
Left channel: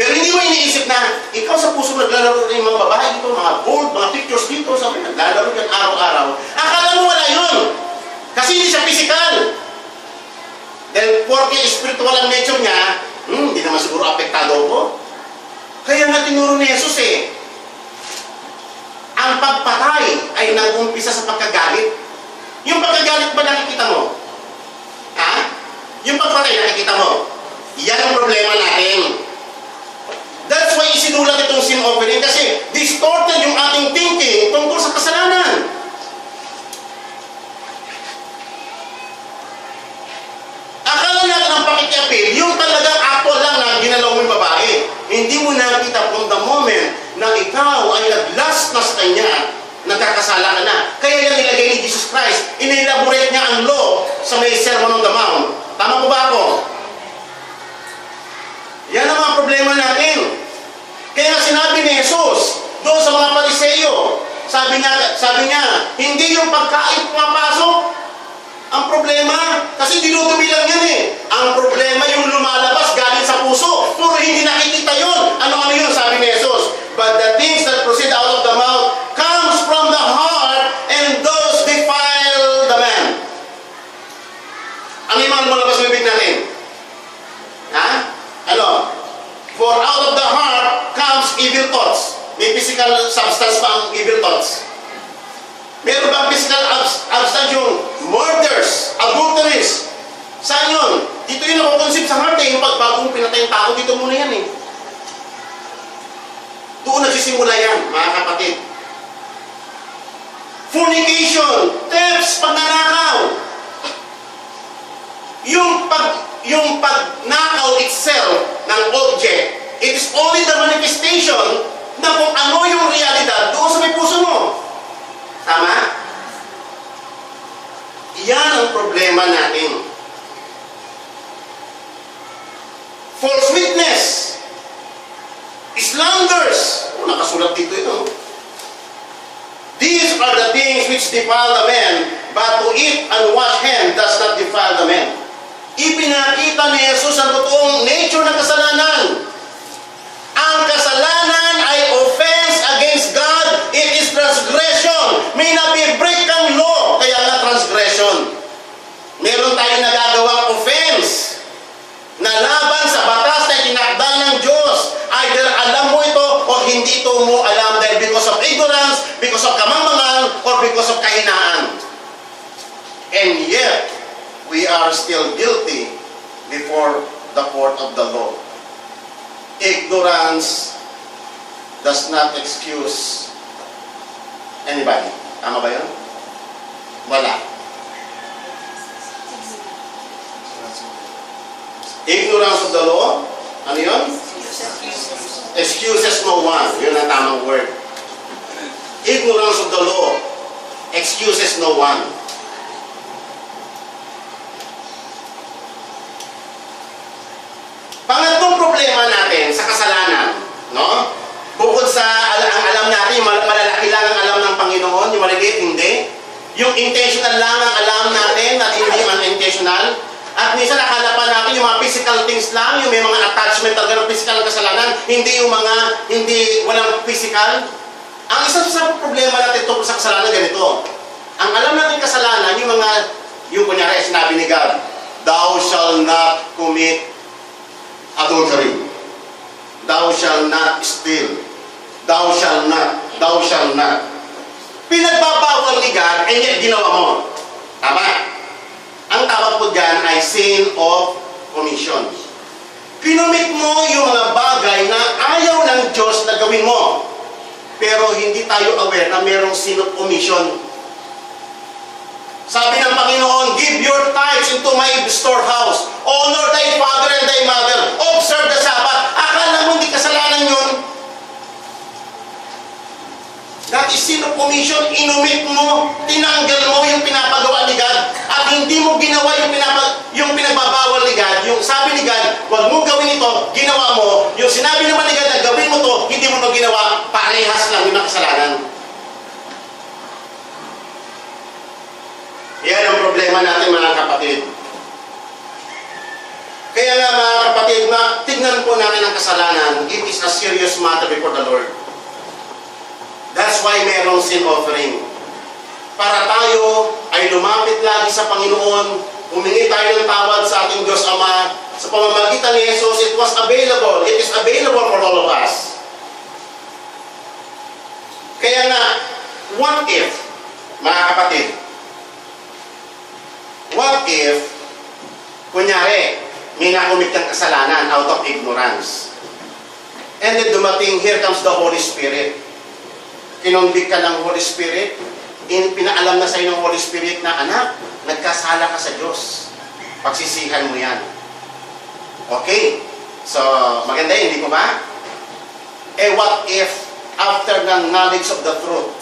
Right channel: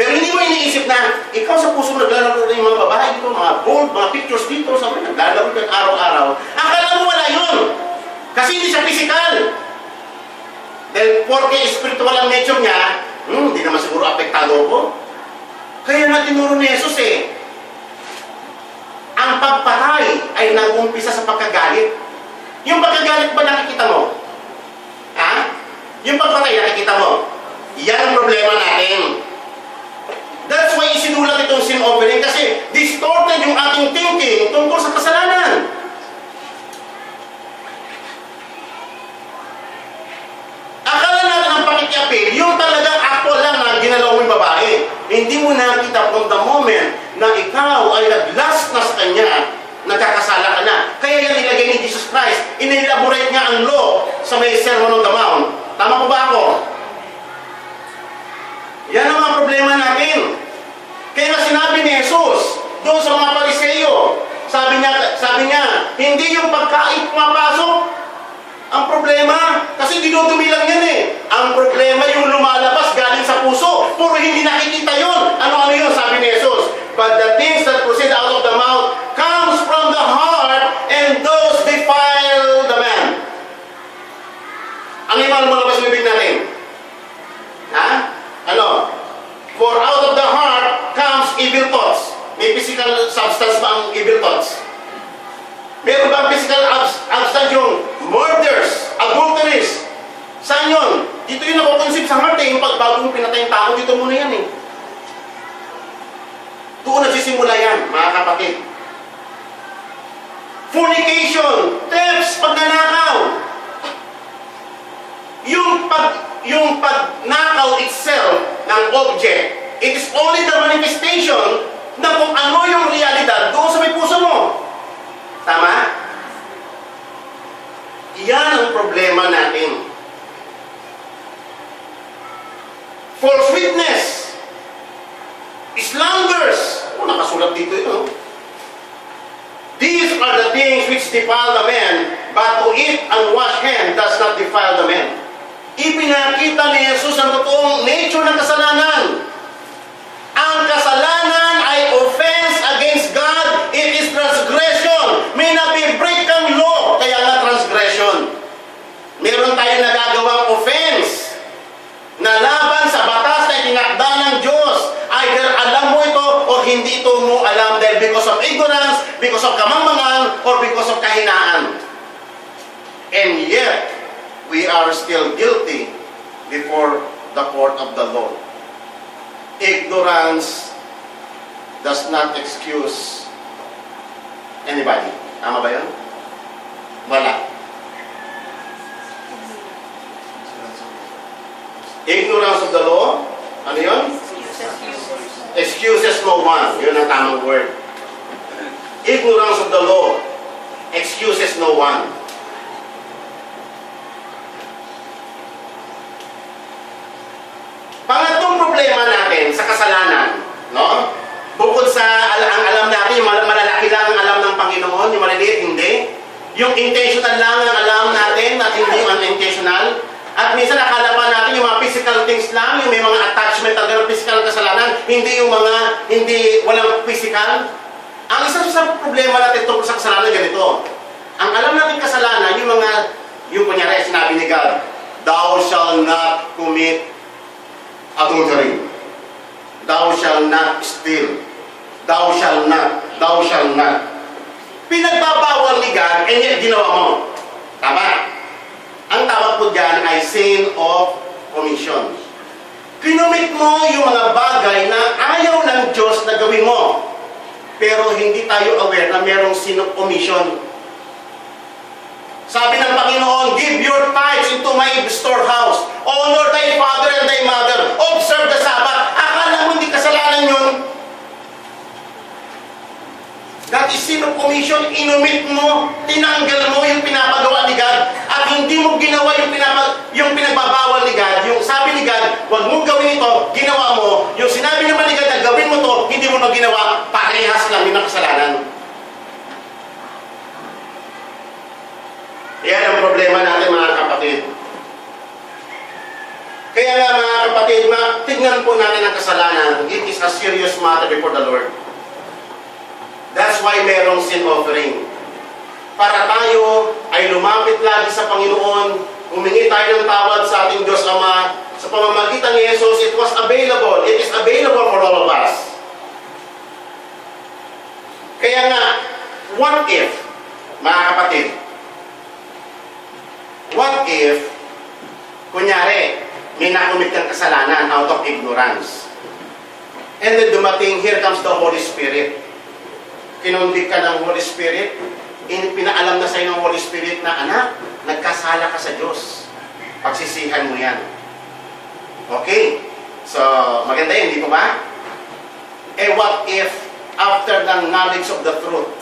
Pero hindi mo iniisip na, ikaw sa puso naglalaro rin yung mga babae dito, mga bold, mga pictures dito, sabi, naglalaro rin araw-araw. Akala mo wala yun. Kasi hindi siya physical. Dahil porque spiritual ang nature niya, hindi naman siguro apektado ko. Kaya nga tinuro ni Jesus ang pagpatay ay nag-umpisa sa pagkagalit. Yung pagkagalit ba nakikita mo? Ha? Yung pagpatay nakikita mo? Yan ang problema natin. That's why isinulat itong sin offering kasi distorted yung ating thinking tungkol sa kasalanan. Akala natin ang pakikiapid, yung talagang actual lang na ginalaw mo yung babae. Hindi mo nakita from the moment na ikaw ay nag-last na sa kanya, nagkakasala ka na. Kaya yan nilagay ni Jesus Christ. Inelaborate niya ang law sa may Sermon on the Mount. Tama po ba ako? Yan ang mga problema natin. Kaya nga sinabi ni Jesus doon sa mga Pariseo, sabi niya, hindi yung pagkain pumapasok ang problema, kasi dinudumi lang yan Ang problema yung lumalabas galing sa puso, puro hindi nakikita yun. Ano yun? Sabi ni Jesus, but the things that proceed out of the mouth comes from the heart, and those defile the man. Ano yung malabas ng bibig natin? Ha? Ano? For out of the heart comes evil thoughts. May physical substance pa ang evil thoughts. Meron ba ang physical substance yung murders, adulteries? Saan yun? Dito yung nakukonsip sa heart yung pagbagong pinatay yung tao, dito muna yan Doon nagsisimula yan, mga kapatid. Fornication, thefts, pagnanakaw. Yung pagnakaw itself ng object, it is only the manifestation na kung ano yung realidad doon sa may puso mo. Tama? murders. Nakasulat dito ito. These are the things which defile the man, but to eat and wash hand does not defile the man. Ipinakita ni Jesus ang totoong nature ng kasalanan. Ang kasalanan ay offense against God. It is transgression. May nabibreak kang law, kaya nga transgression. Meron tayong nagagawang offense na laban sa batas na itinakda ng Diyos. Either alam mo ito o hindi ito mo alam dahil because of ignorance, because of kamangmangan, or because of kahinaan. And yet, we are still guilty before the court of the law. Ignorance does not excuse anybody. Tama ba yun? Wala. Ignorance of the law, ano yun? Excuses no one. Yun ang tamang word. Ignorance of the law excuses no one. Pangatlong problema natin sa kasalanan, no? Bukod sa ang alam natin, yung malalaki lang ang alam ng Panginoon, yung maliliit hindi. Yung intentional lang ang alam natin at hindi unintentional. At minsan akala pa natin yung mga physical things lang, yung may mga attachment talaga ng physical na kasalanan, hindi yung mga, walang physical. Ang isa sa problema natin tungkol sa kasalanan ganito. Ang alam natin kasalanan, yung kunyari, sinabi ni God, thou shall not commit adultery. Thou shall not steal. Thou shall not. Thou shall not. Pinagbabawal ni God, and yet ginawa mo. Tama? Ang tawag po dyan ay sin of commission. Kinumit mo yung mga bagay na ayaw ng Diyos na gawin mo. Pero hindi tayo aware na merong sin of commission. Sabi ng Panginoon, give your tithes into my storehouse. Honor thy father and thy mother. Observe the Sabbath. Akala mo hindi kasalanan yun? That is sin of commission. Inumit mo, tinanggal mo yung pinapagawa ni God at hindi mo ginawa yung pinagbabawal ni God. Yung sabi ni God, huwag mong gawin ito, ginawa mo. Yung sinabi naman ni God na gawin mo to, hindi mo na ginawa, parehas lang yung kasalanan. Yan ang problema natin mga kapatid. Kaya nga mga kapatid, tignan po natin ang kasalanan. It is a serious matter before the Lord. That's why merong sin offering. Para tayo ay lumapit lagi sa Panginoon, humingi tayo ng tawad sa ating Diyos Ama, sa pamamagitan ni Jesus, it was available. It is available for all of us. Kaya nga, what if, mga kapatid, what if, kunyari, may nakumit kang kasalanan out of ignorance. And then dumating, here comes the Holy Spirit. Kinonvict ka ng Holy Spirit, pinaalam na sa iyo ng Holy Spirit na, anak, nagkasala ka sa Diyos. Pagsisihan mo yan. Okay? So, maganda yun, hindi po ba? Eh, what if, after the knowledge of the truth,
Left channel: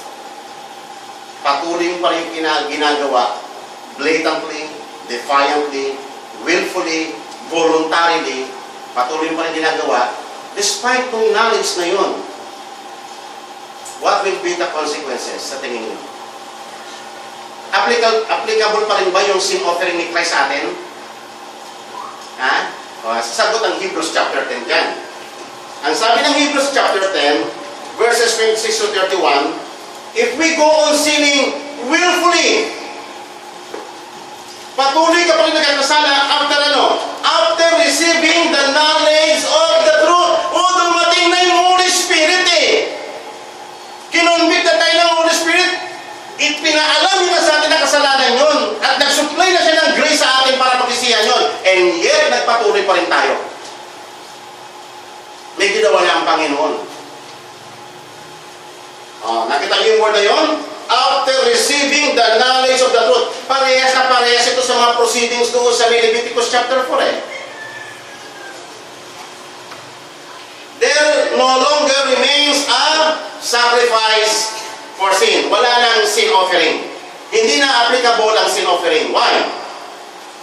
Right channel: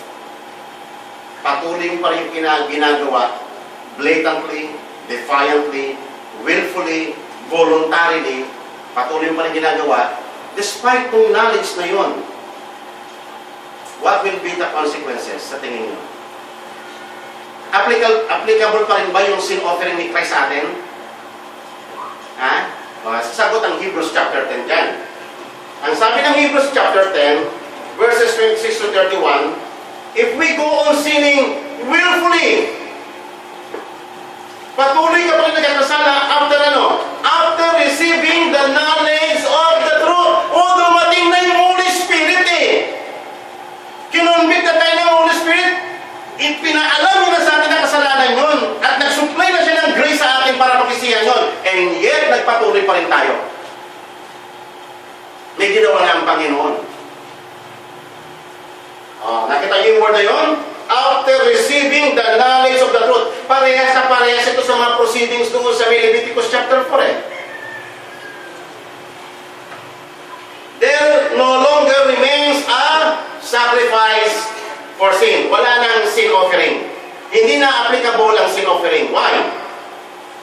patuloy mo pa rin yung ginagawa, blatantly, defiantly, willfully, voluntarily, patuloy mo pa rin ginagawa, despite kung knowledge na yun, what will be the consequences sa tingin nyo? Applicable pa rin ba yung sin offering ni Christ sa atin? Ha? Sasagot ang Hebrews chapter 10 dyan. Ang sabi ng Hebrews chapter 10, verses 26 to 31, if we go on sinning willfully, patuloy ka pa rin nagkakasala after ano? After receiving the knowledge of the truth. O, dumating na yung Holy Spirit eh. Kinonvict na tayo ng Holy Spirit. Ipinaalam na sa atin ang kasalanan yun. At nag-supply na siya ng grace sa atin para pagsisihan yun. And yet, nagpatuloy pa rin tayo. May ginawa na ang Panginoon. Nakita niyo yung word na yun? After receiving the knowledge of the truth. Parehas na parehas ito sa mga proceedings doon sa Leviticus chapter 4 eh. There no longer remains a sacrifice for sin. Wala nang sin offering. Hindi na applicable ang sin offering. Why?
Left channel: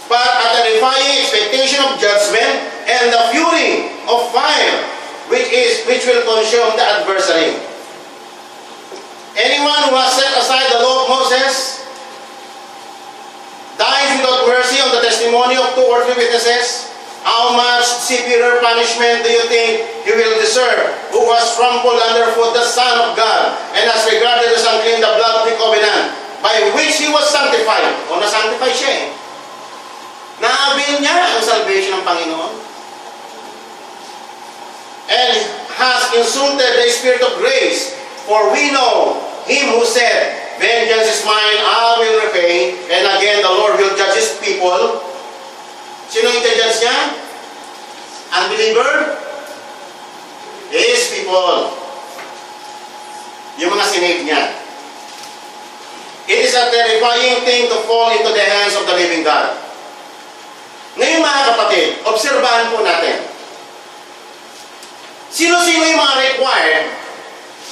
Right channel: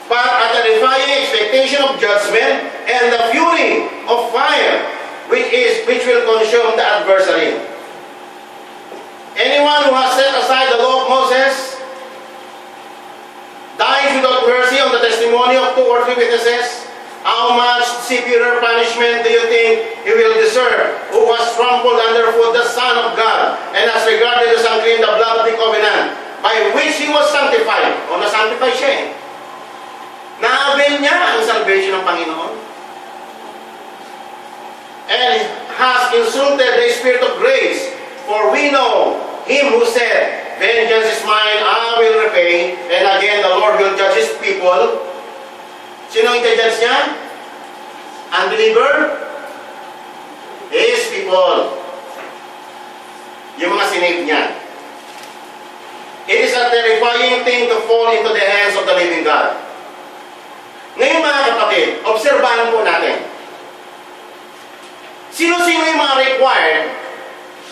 But at the defying expectation of judgment and the fury of fire, which will consume the adversary. Anyone who has set aside the law of Moses dies without mercy on the testimony of 2 or 3 witnesses. How much severe punishment do you think he will deserve, who has trampled underfoot the Son of God, and has regarded as unclean the blood of the covenant, by which he was sanctified? O na-sanctify siya eh. Na-avail niya ang salvation ng Panginoon. And has insulted the Spirit of grace, for we know him who said, vengeance is mine, I will repay. And again, the Lord will judge his people. Sino yung judge niya? Unbeliever? His people. Yung mga sinave niya. It is a terrifying thing to fall into the hands of the living God. Ngayon mga kapatid, obserbahan po natin. Sino-sino yung mga required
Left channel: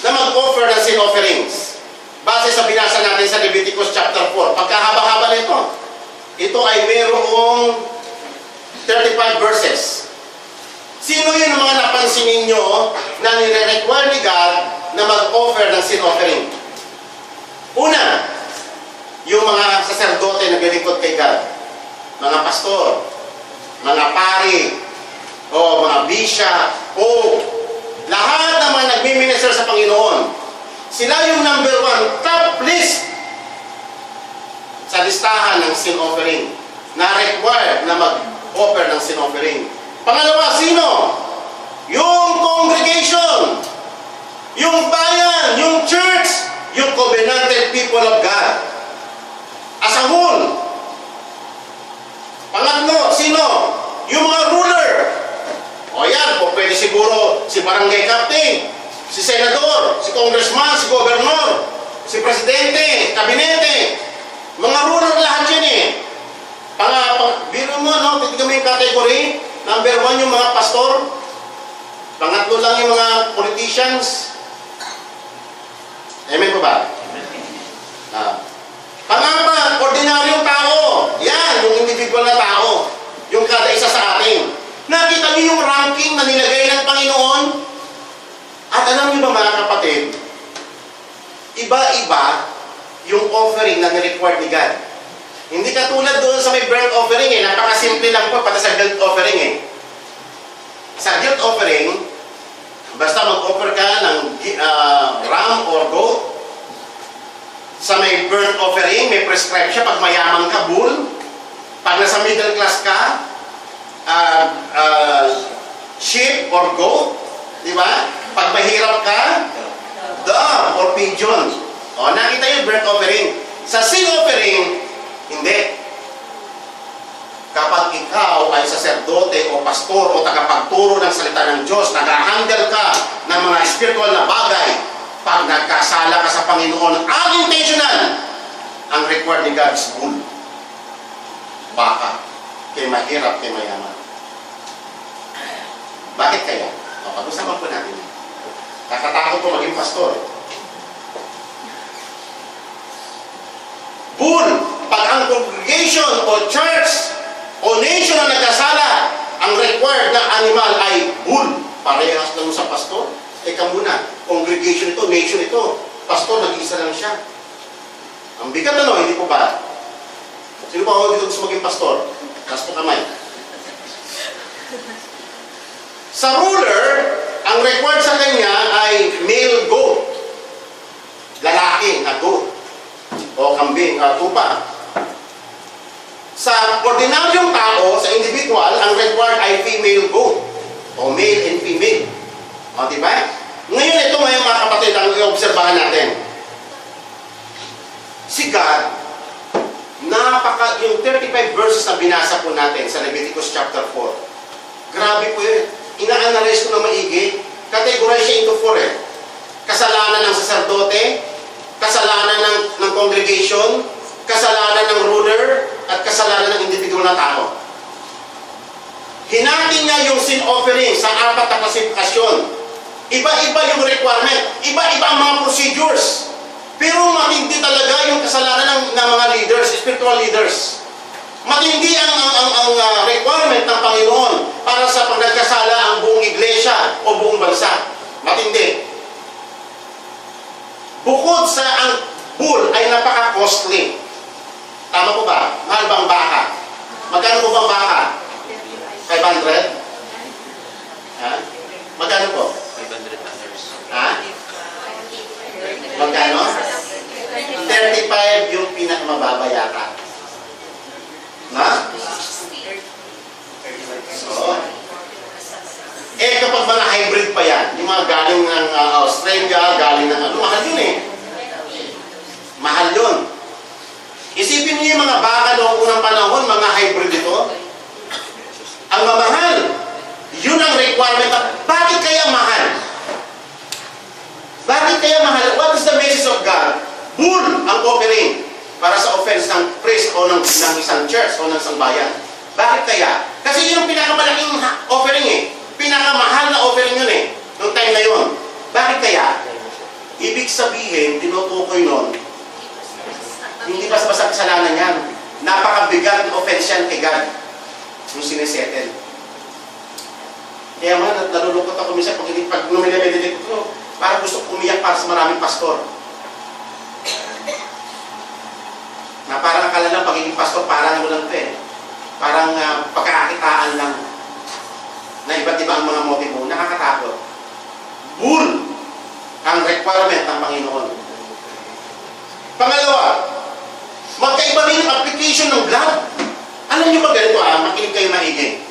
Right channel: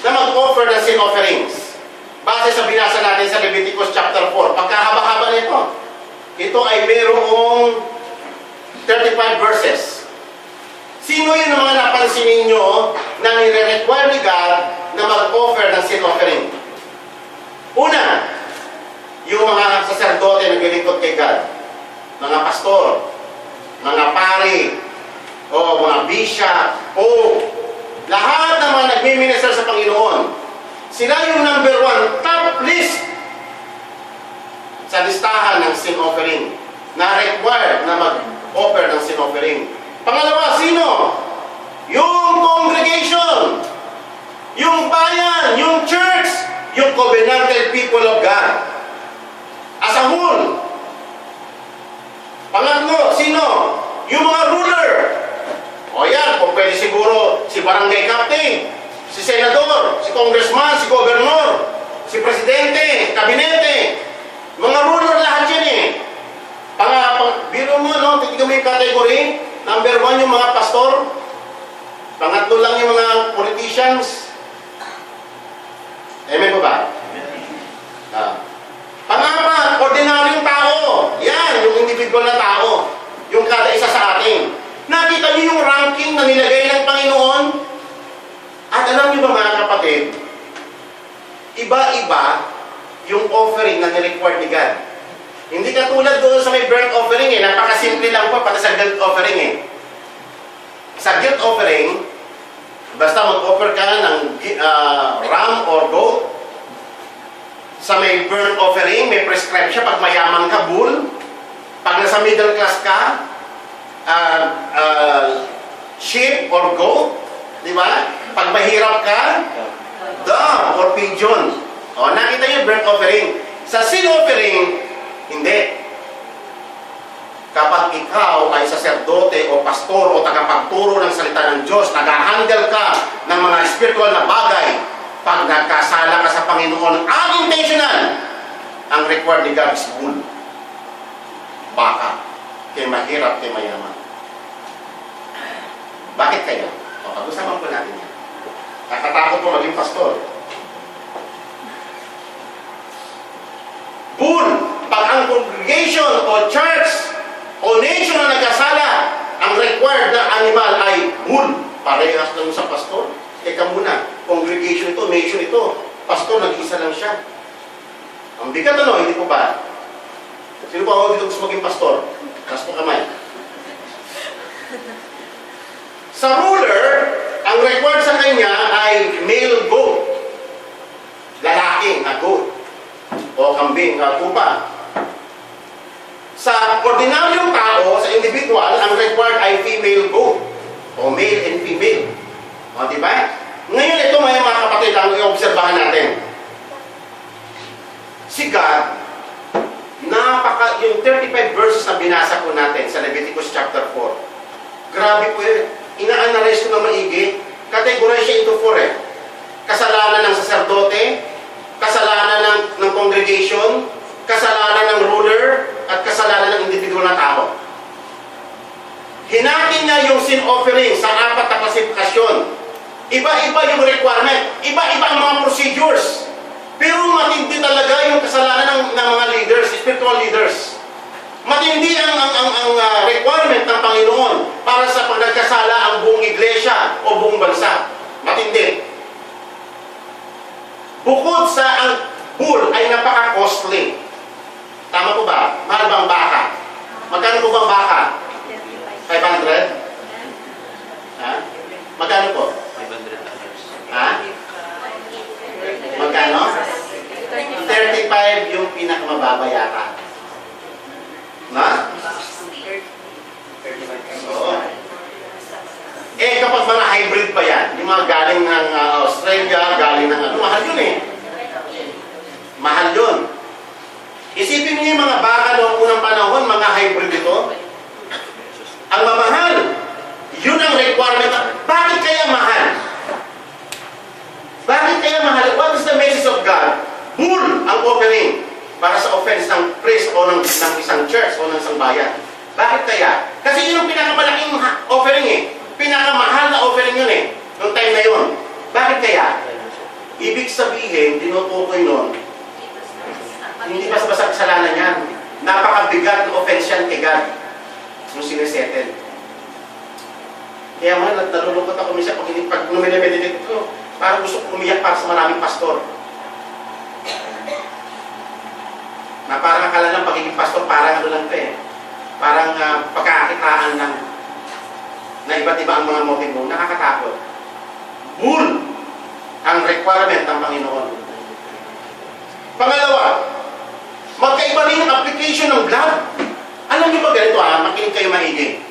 na mag-offer ng sin offerings? Base sa binasa natin sa Leviticus chapter 4. Pagkahaba-haba nito, ito ay mayroong 35 verses. Sino yun ang mga napansin ninyo na nire-require ni God na mag-offer ng sin offering? Una, yung mga saserdote na naglilingkod kay God. Mga pastor, mga pari, o mga bishop, o lahat ng mga nagmi-minister sa Panginoon. Sila yung number 1, top list sa listahan ng sin offering na required na mag-offer ng sin offering. Pangalawa, sino? Yung congregation, yung bayan, yung church, yung covenanted people of God as a whole. Pangatlo, sino? Yung mga ruler. O yan, kung pwede siguro si barangay captain, si senador, si congressman, si governor, si presidente, kabinete. Mga ruler lahat yan eh. Biro mo, no? Titignan mo yung category. Number 1 yung mga pastor. Pangatlo lang yung mga politicians. Amen po ba? Pangapat, ordinaryong tao. Yan, yung individual na tao. Yung kada isa sa atin. Nakita niyo yung ranking na nilagay ng Panginoon? At alam niyo ba mga kapatid, iba-iba yung offering na ni-required ni God. Hindi katulad doon sa may burnt offering eh. Napakasimple lang po pati sa guilt offering eh. Sa guilt offering, basta mag-offer ka ng ram or goat. Sa may burnt offering, may prescribe siya. Pag mayaman ka, bull. Pag nasa middle class ka, sheep or goat. Di ba? Pag mahirap ka, dove or pigeon. O, nakita niyo burnt offering. Sa sin offering, hindi. Kapag ikaw ay saserdote o pastor o tagapagturo ng salita ng Diyos, nag-handle ka ng mga spiritual na bagay, pag nagkasala ka sa Panginoon, unintentional, ang required ni God is bull. Baka. Kay mahirap, kay mayaman. Bakit kaya? O, pag-usapan po natin yan. Kakatakot po maging pastor. Bull. Pag ang congregation o church o nation na nagkasala, ang required na animal ay bull. Parehas lang sa pastor. Teka muna, congregation ito, nation ito. Pastor, nag-isa lang siya. Ang bigat ano, hindi po ba? Sino ba ako dito gusto maging pastor? Taas po kamay. Sa ruler, ang required sa kanya ay male goat. Lalaki na goat. O kambing, tupa. Sa ordinaryong tao, sa individual, ang required ay female goat. O male and female. O, diba? Ngayon ito ngayon mga kapatid, ang i-obserbahan natin. Si God, yung 35 verses na binasa po natin sa Leviticus chapter 4. Grabe po yun. Ina-analyze ko na maigi. Categorize siya into 4 eh. Kasalanan ng saserdote, kasalanan ng congregation, kasalanan ng ruler, at kasalanan ng individual na tao. Hinatin niya yung sin offering sa 4 na klasifikasyon. Iba-iba yung requirement, iba-iba ang mga procedures. Pero matindi talaga yung kasalanan ng mga leaders, spiritual leaders. Matindi ang requirement ng Panginoon para sa pag nagkasala ang buong iglesia o buong bansa. Matindi. Bukod sa ang bull ay napaka-costly. Tama po ba? Mahal ba ang baka? Magkano po ba ang baka? 500? Ha? Magkano po? $500. Ha? Magkano? 35 yung pinakamababa yata. Na? Oo. Eh kapag mga hybrid pa yan, yung mga galing ng Australia, galing ng ano, mahal yun eh. Mahal yun. Isipin niyo yung mga baka noong unang panahon, mga hybrid ito. Ang mamahal. Yun ang requirement. Bakit kaya mahal? Bakit kaya mahal? What is the message of God? Bull ang offering para sa offense ng priest o ng isang church o ng isang bayan. Bakit kaya? Kasi yun ang pinakamalaking offering eh. Pinakamahal na offering yun eh. Noong time na yun. Bakit kaya? Ibig sabihin, tinutukoy nun, hindi basta-basta kasalanan yan. Napakabigat ng offense yan kay God. Nung sinisettle. Kaya man, nalulungkot ako minsan pag lumilipeditate ko, parang gusto ko umiyak para sa maraming pastor. Na parang akala lang pagiging pastor, parang ano lang ito eh. Parang pagkakakitaan lang. Na iba't iba ang mga motibo. Nakakatakot. Bull ang requirement ng Panginoon. Pangalawa, magkaiba rin yung application ng blood. Alam niyo ba ganito makinig kayo maigi.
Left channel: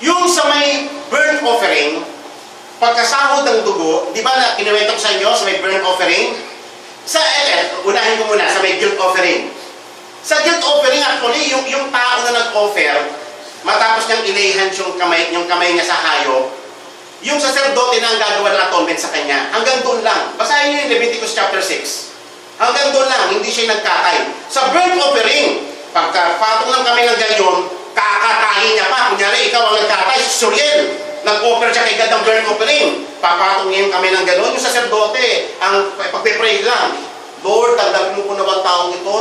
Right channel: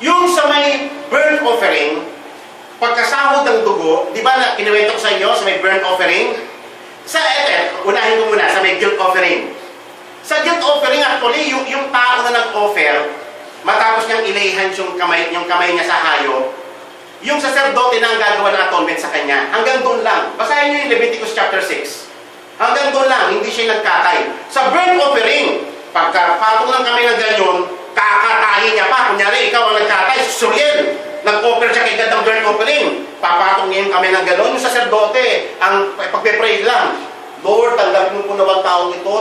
Yung sa may burnt offering, pagkasahod ng dugo, di ba na kinuwento ko sa inyo sa may burnt offering? Unahin ko muna sa may guilt offering. Sa guilt offering actually, yung tao na nag-offer, matapos niyang ilayhan yung kamay niya sa hayop, yung sacerdote na ang gagawa ng atonement sa kanya, hanggang doon lang. Basahin niyo yung Leviticus chapter 6. Hanggang doon lang, hindi siya nagkatay. Sa burnt offering, pagkapatong ng kamay ng ganyan, kakatayin niya pa. Kunyari, ikaw ang nagkatay, Suriel. Nag-offer siya kay God ng burnt offering. Papatong niya yung kamay ng gano'n. Yung sacerdote, ang pagpe-pray lang. Lord, tanggapin mo po na bang taong ito,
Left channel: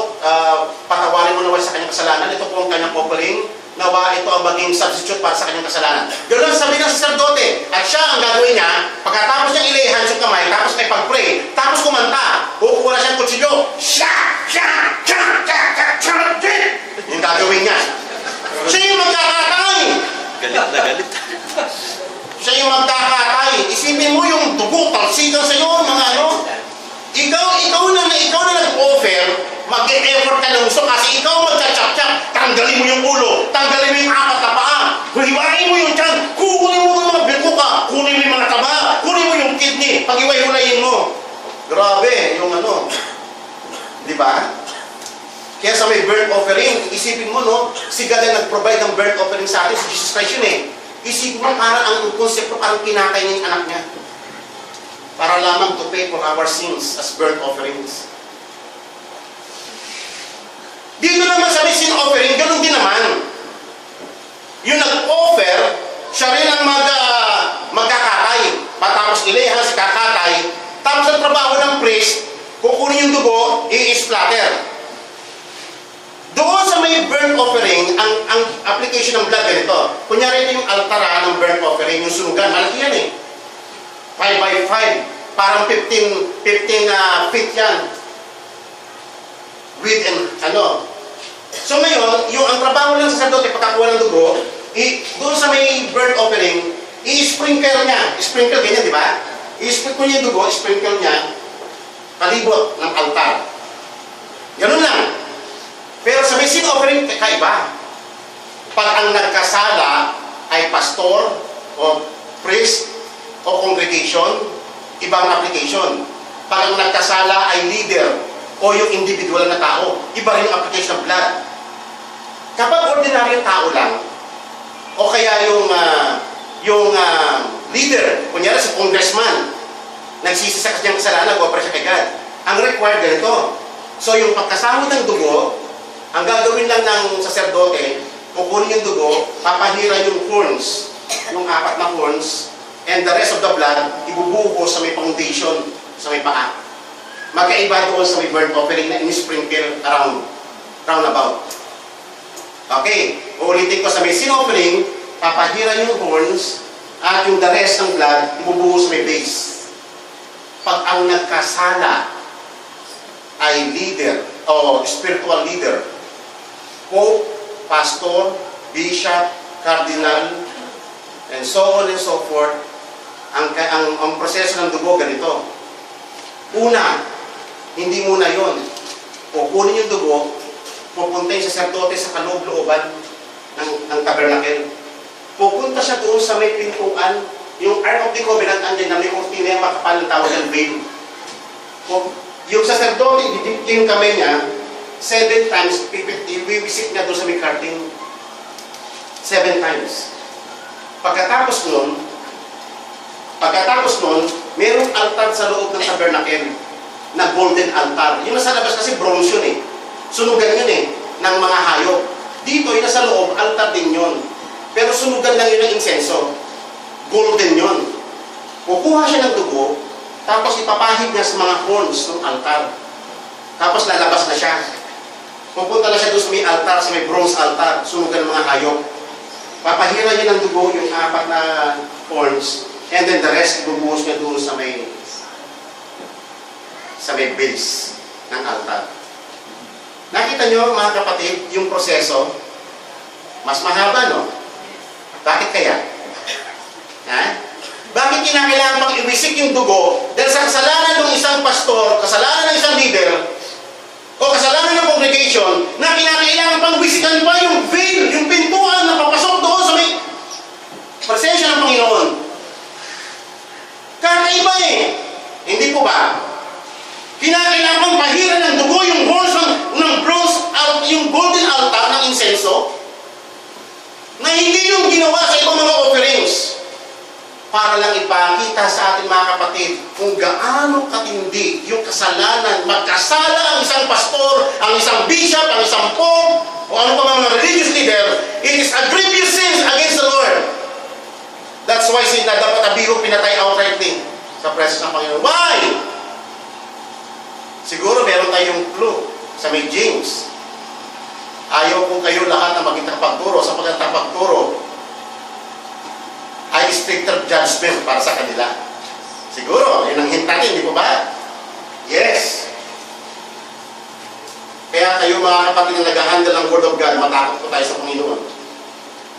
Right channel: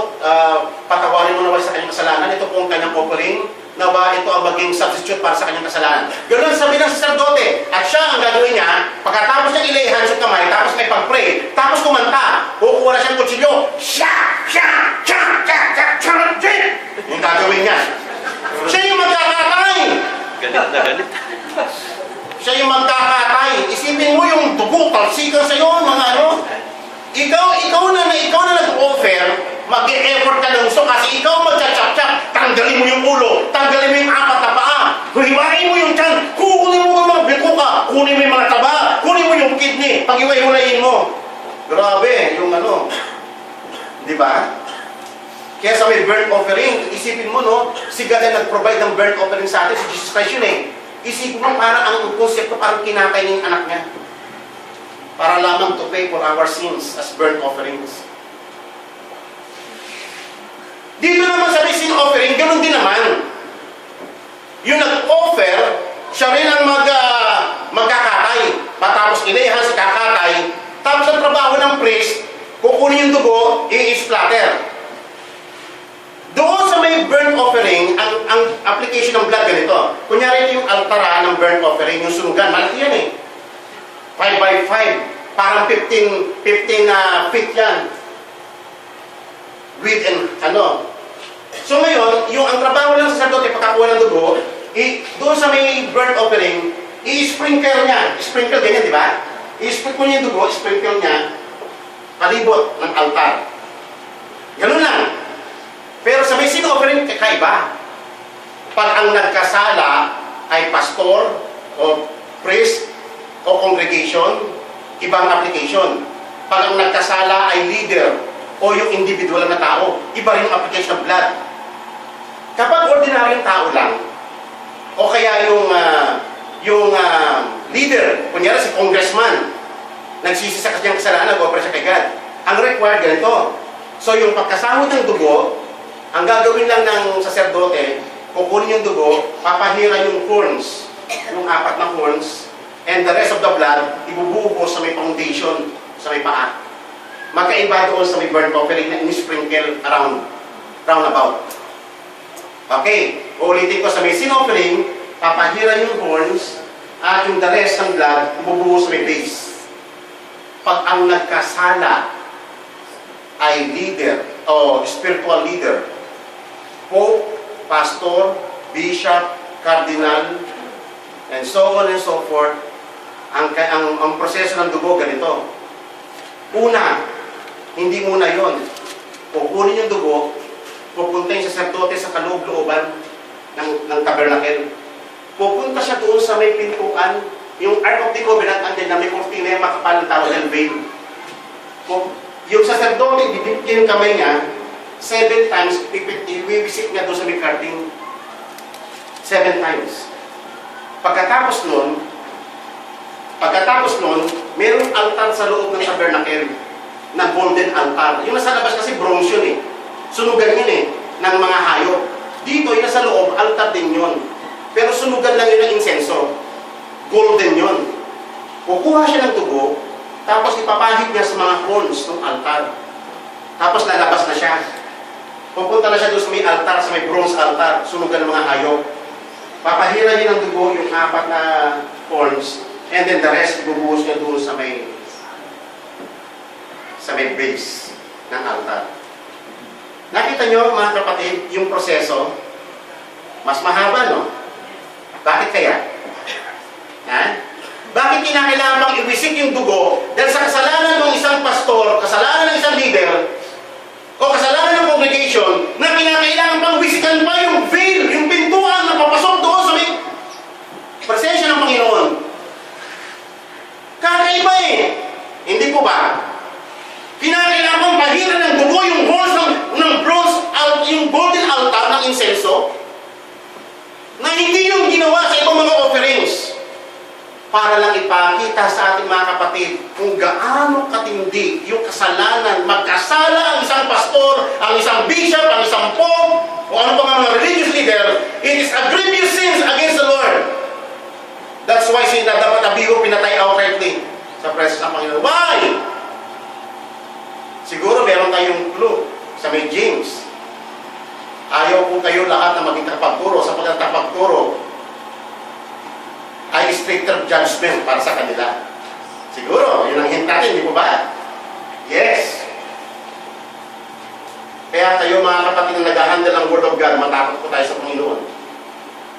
patawarin mo naman sa kanyang kasalanan. Ito po ang kanyang offering. Nawa ito ang maging substitute para sa kanyang kasalanan. Ganoon sabi ng sacerdote. At siya ang gagawin niya, pagkatapos niyang ilayhan sa kamay, tapos may pag-pray, tapos kumanta, kukuha na siyang kutsilyo. Yung gagawin niya. Siya yung magkakatay. Galit na galit. Siya yung magkakatay. Isipin mo yung dugo, talsikan sa iyo, mga ano. Ikaw na nag-offer, mag-e-effort ka ng gusto kasi ikaw magka-chap-chap. Tanggalin mo yung ulo, tanggalin mo yung apat na paa, hiwain mo yung tiyan, kukunin mo yung mga bituka, kunin mo yung mga taba, kunin mo yung kidney, pag-iway-hulayin mo. Grabe, yung ano. Di ba? Kaya sa may burnt offering, isipin mo, no? Si God na nag-provide ng burnt offering sa atin, si Jesus Christ yun eh. Isipin mo, parang ang konsepto, parang kinakay niya yung anak niya. Para lamang to pay for our sins as burnt offerings. Dito naman sa may sin offering, ganun din naman. Yung nag-offer, siya rin ang magkakatay. Matapos ilayhan si kakatay, tapos ang trabaho ng priest, kukunin yung dugo, i-splatter. Doon sa may burnt offering, ang application ng blood ganito. Kunyari ito yung altara ng burnt offering, yung sunugan, malaki yan eh. 5 by 5, parang 15 feet yan. Width and ano. So ngayon, yung ang trabaho ng sacerdote, pagkakuha ng dugo, doon sa may burnt offering, i-sprinkle niya. Sprinkle ganyan, di ba? I-sprinkle niya yung dugo, sprinkle niya, palibot ng altar. Ganun lang. Pero sa may sin offering, kakaiba. Pag ang nagkasala ay pastor o priest o congregation, ibang application. Pag ang nagkasala ay leader o yung individual na tao, iba rin yung application ng blood. Kapag ordinaryong tao lang, o kaya yung leader, kunyari si congressman, nagsisi sa kanyang kasalanan, nag-offer siya kay God. Ang required ganito. So yung pagkasahod ng dugo, ang gagawin lang ng sacerdote, kukunin yung dugo, papahira yung horns, yung 4 na horns, and the rest of the blood, ibubuho sa may foundation, sa may paa. Magkaiba doon sa may burnt offering na in-sprinkle round about. Okay, uulitin ko sa may sin offering, papahira yung horns, at yung the rest ng blood, ibubuhos sa may base. Pag ang nagkasala ay leader, o spiritual leader, pope, pastor, bishop, cardinal, and so on and so forth, ang proseso ng dugo ganito. Una, hindi muna yon. Kukunin yung dugo, pupunta yung saserdote sa kaloob-looban ng tabernacle. Pupunta siya doon sa may pintuan, yung Ark of the Covenant, andyan na may kurtina, makapal ng tawag ng veil. Yung saserdote, didipin yung kamay niya, 7 times, iwiwisik niya doon sa may curtain. 7 times. Pagkatapos nun, mayroong altar sa loob ng tabernacle na golden altar. Yung nasa labas kasi bronze yun eh. Sunugan yun eh, ng mga hayop. Dito, yung nasa loob, altar din yun. Pero sunugan lang yun ng insenso. Golden yun. Kukuha siya ng dugo, tapos ipapahid niya sa mga horns ng altar. Tapos lalabas na siya. Pupunta na siya doon sa may altar, sa may bronze altar, sunugan ng mga hayop. Papahira niya ng dugo yung 4 na horns, and then the rest, ibubuhos niya doon sa may base ng altar. Nakita niyo mga kapatid, yung proseso, mas mahaba, no? Bakit kaya? Ha? Bakit kinakailangan pang iwisik yung dugo? Dahil sa kasalanan ng isang pastor, kasalanan ng isang leader, o kasalanan ng congregation, na kinakailangan pang wisikan pa yung veil, yung pintuan na papasok doon sa may presensya ng Panginoon. Kakaiba eh. Hindi po ba? Kinakailangan pang pahira ng dugo yung horns ng bronze, yung golden altar ng insenso, na hindi yung ginawa sa ibang mga offerings, para lang ipakita sa ating mga kapatid kung gaano katindi yung kasalanan. Magkasala ang isang pastor, ang isang bishop, ang isang pope, o ano pa mga religious leader, it is a grievous sin against the Lord. That's why sila dapat abiho pinatay outrightly sa presence ng Panginoon. Why? Siguro meron tayong clue sa may James. Ayaw kung kayo lahat na maging tagapagturo, sapagkat tagapagturo ay stricter judgment para sa kanila. Siguro, yun ang hint natin, di po ba? Yes. Kaya kayo mga kapatid na nag-handle ang Word of God, matakot po tayo sa Panginoon.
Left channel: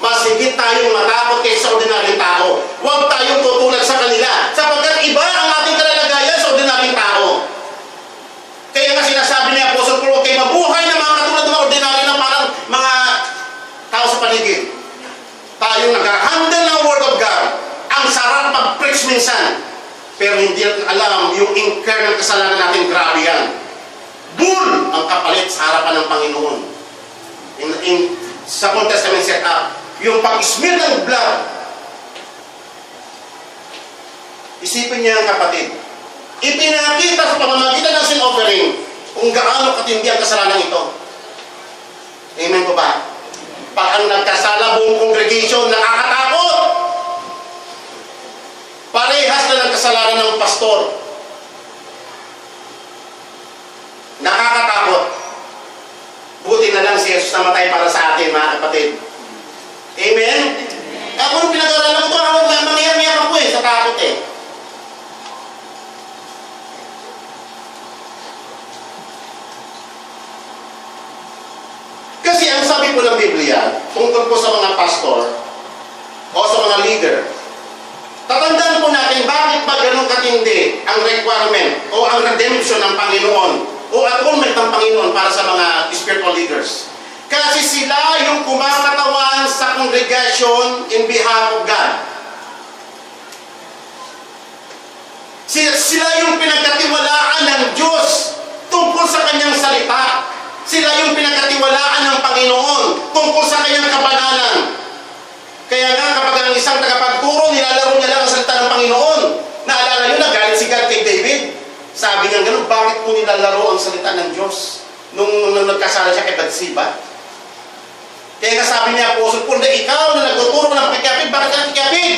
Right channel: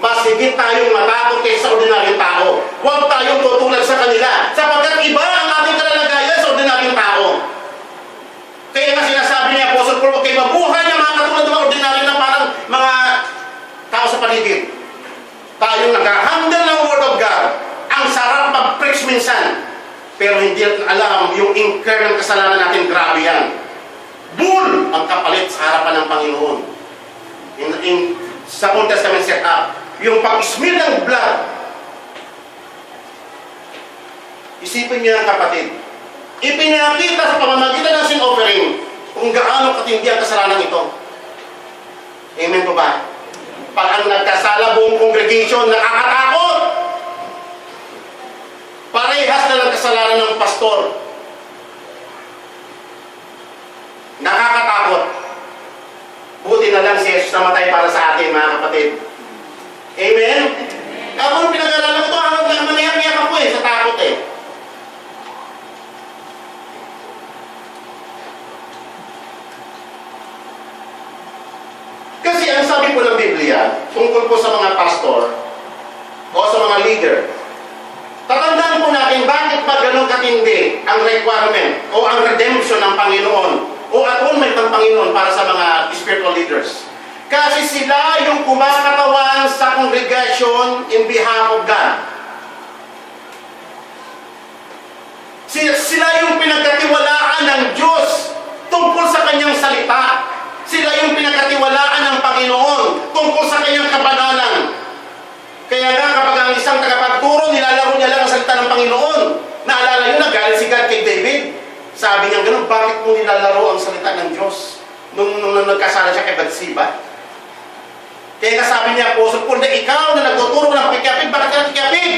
Mas higit tayong matakot kaysa sa ordinaryong tao. Huwag tayong tutulad sa kanila, sapagkat iba ang ating kalalagayan sa ordinaryong tao. Kaya nga sinasabi ni Apostle Paul, okay, mabuhay na mga katulad ng mga ordinaryo na parang mga tao sa paligid. Tayong nag-handle ng Word of God. Ang sarap mag-preach minsan, pero hindi natin alam yung incur ng kasalanan natin, grabe yan. Bull ang kapalit sa harapan ng Panginoon. Sa Old Testament setup, yung pag-smear ng blood. Isipin niyo kapatid, ipinakita sa pamamagitan ng sin offering kung gaano katindi ang kasalanan ito. Amen po ba? Pag ang nagkasala buong congregation, nakakatakot. Parehas na ng kasalanan ng pastor. Nakakatakot. Buti na lang si Jesus namatay para sa atin, mga kapatid. Amen? Ako nung pinag-aralan ko ito, mamiyak-miyak ako sa takot eh. Kasi ang sabi po ng Biblia, tungkol po sa mga pastor o sa mga leader, tatandaan po natin bakit ba ganun katindi ang requirement o ang redemption ng Panginoon o atonement ng Panginoon para sa mga spiritual leaders. Kasi sila yung kumakatawan sa congregation in behalf of God. Sila yung pinagkatiwalaan ng Diyos tungkol sa kanyang salita. Sila yung pinagkatiwalaan ng Panginoon tungkol sa kanyang kabanalan. Kaya nga kapag ang isang tagapagturo, nilalaro niya lang ang salita ng Panginoon. Naalala nyo, nagalit si God kay David. Sabi niya gano'n, bakit mo nilalaro ang salita ng Diyos nung nagkasala siya kay Bathsheba? Kaya nga sabi niya, Apostle Paul, na ikaw na nagtuturo ng pakikapid, bakit ka nakikapid?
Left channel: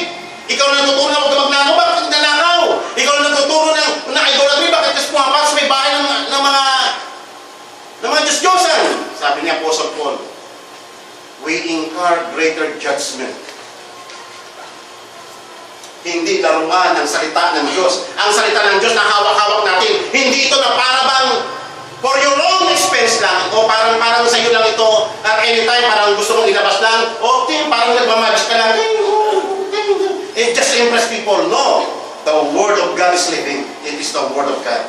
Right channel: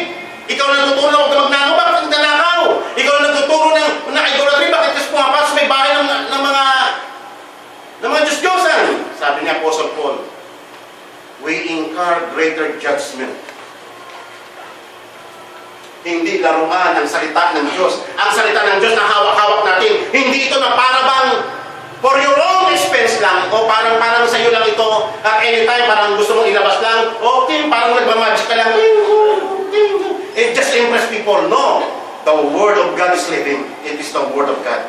Ikaw na nagtuturo na huwag ka magnakaw, bakit ka nagnanakaw? Ikaw na nagtuturo ng idolatry, bakit ka pumapas sa may bahay ng mga Diyos-Diyosan, sabi niya Apostle Paul. far greater judgment. Hindi laruan ang salita ng Diyos. Ang salita ng Diyos na hawak-hawak natin, hindi ito na para bang for your own expense lang, o parang sa iyo lang ito, at anytime parang gusto mong ilabas lang, o parang nagmamagic ka lang, it just impress people. No, the Word of God is living. It is the Word of God.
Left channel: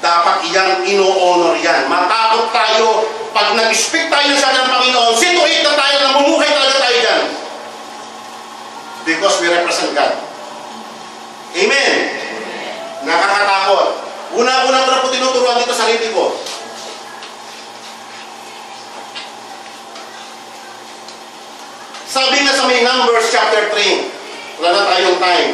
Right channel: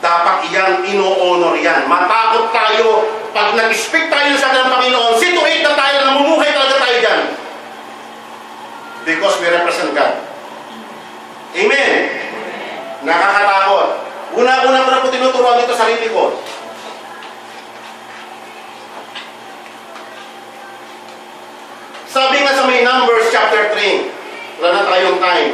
Dapat iyang ino-honor yan. Matakot tayo pag nag-speak tayo sa ng Panginoon, situate na tayo, namumuhay talaga tayo dyan. Because we represent God. Amen. Nakakatakot. Una-una ko na po tinuturuan dito sa sarili ko. Sabi nga sa may Numbers chapter 3, wala na tayong time.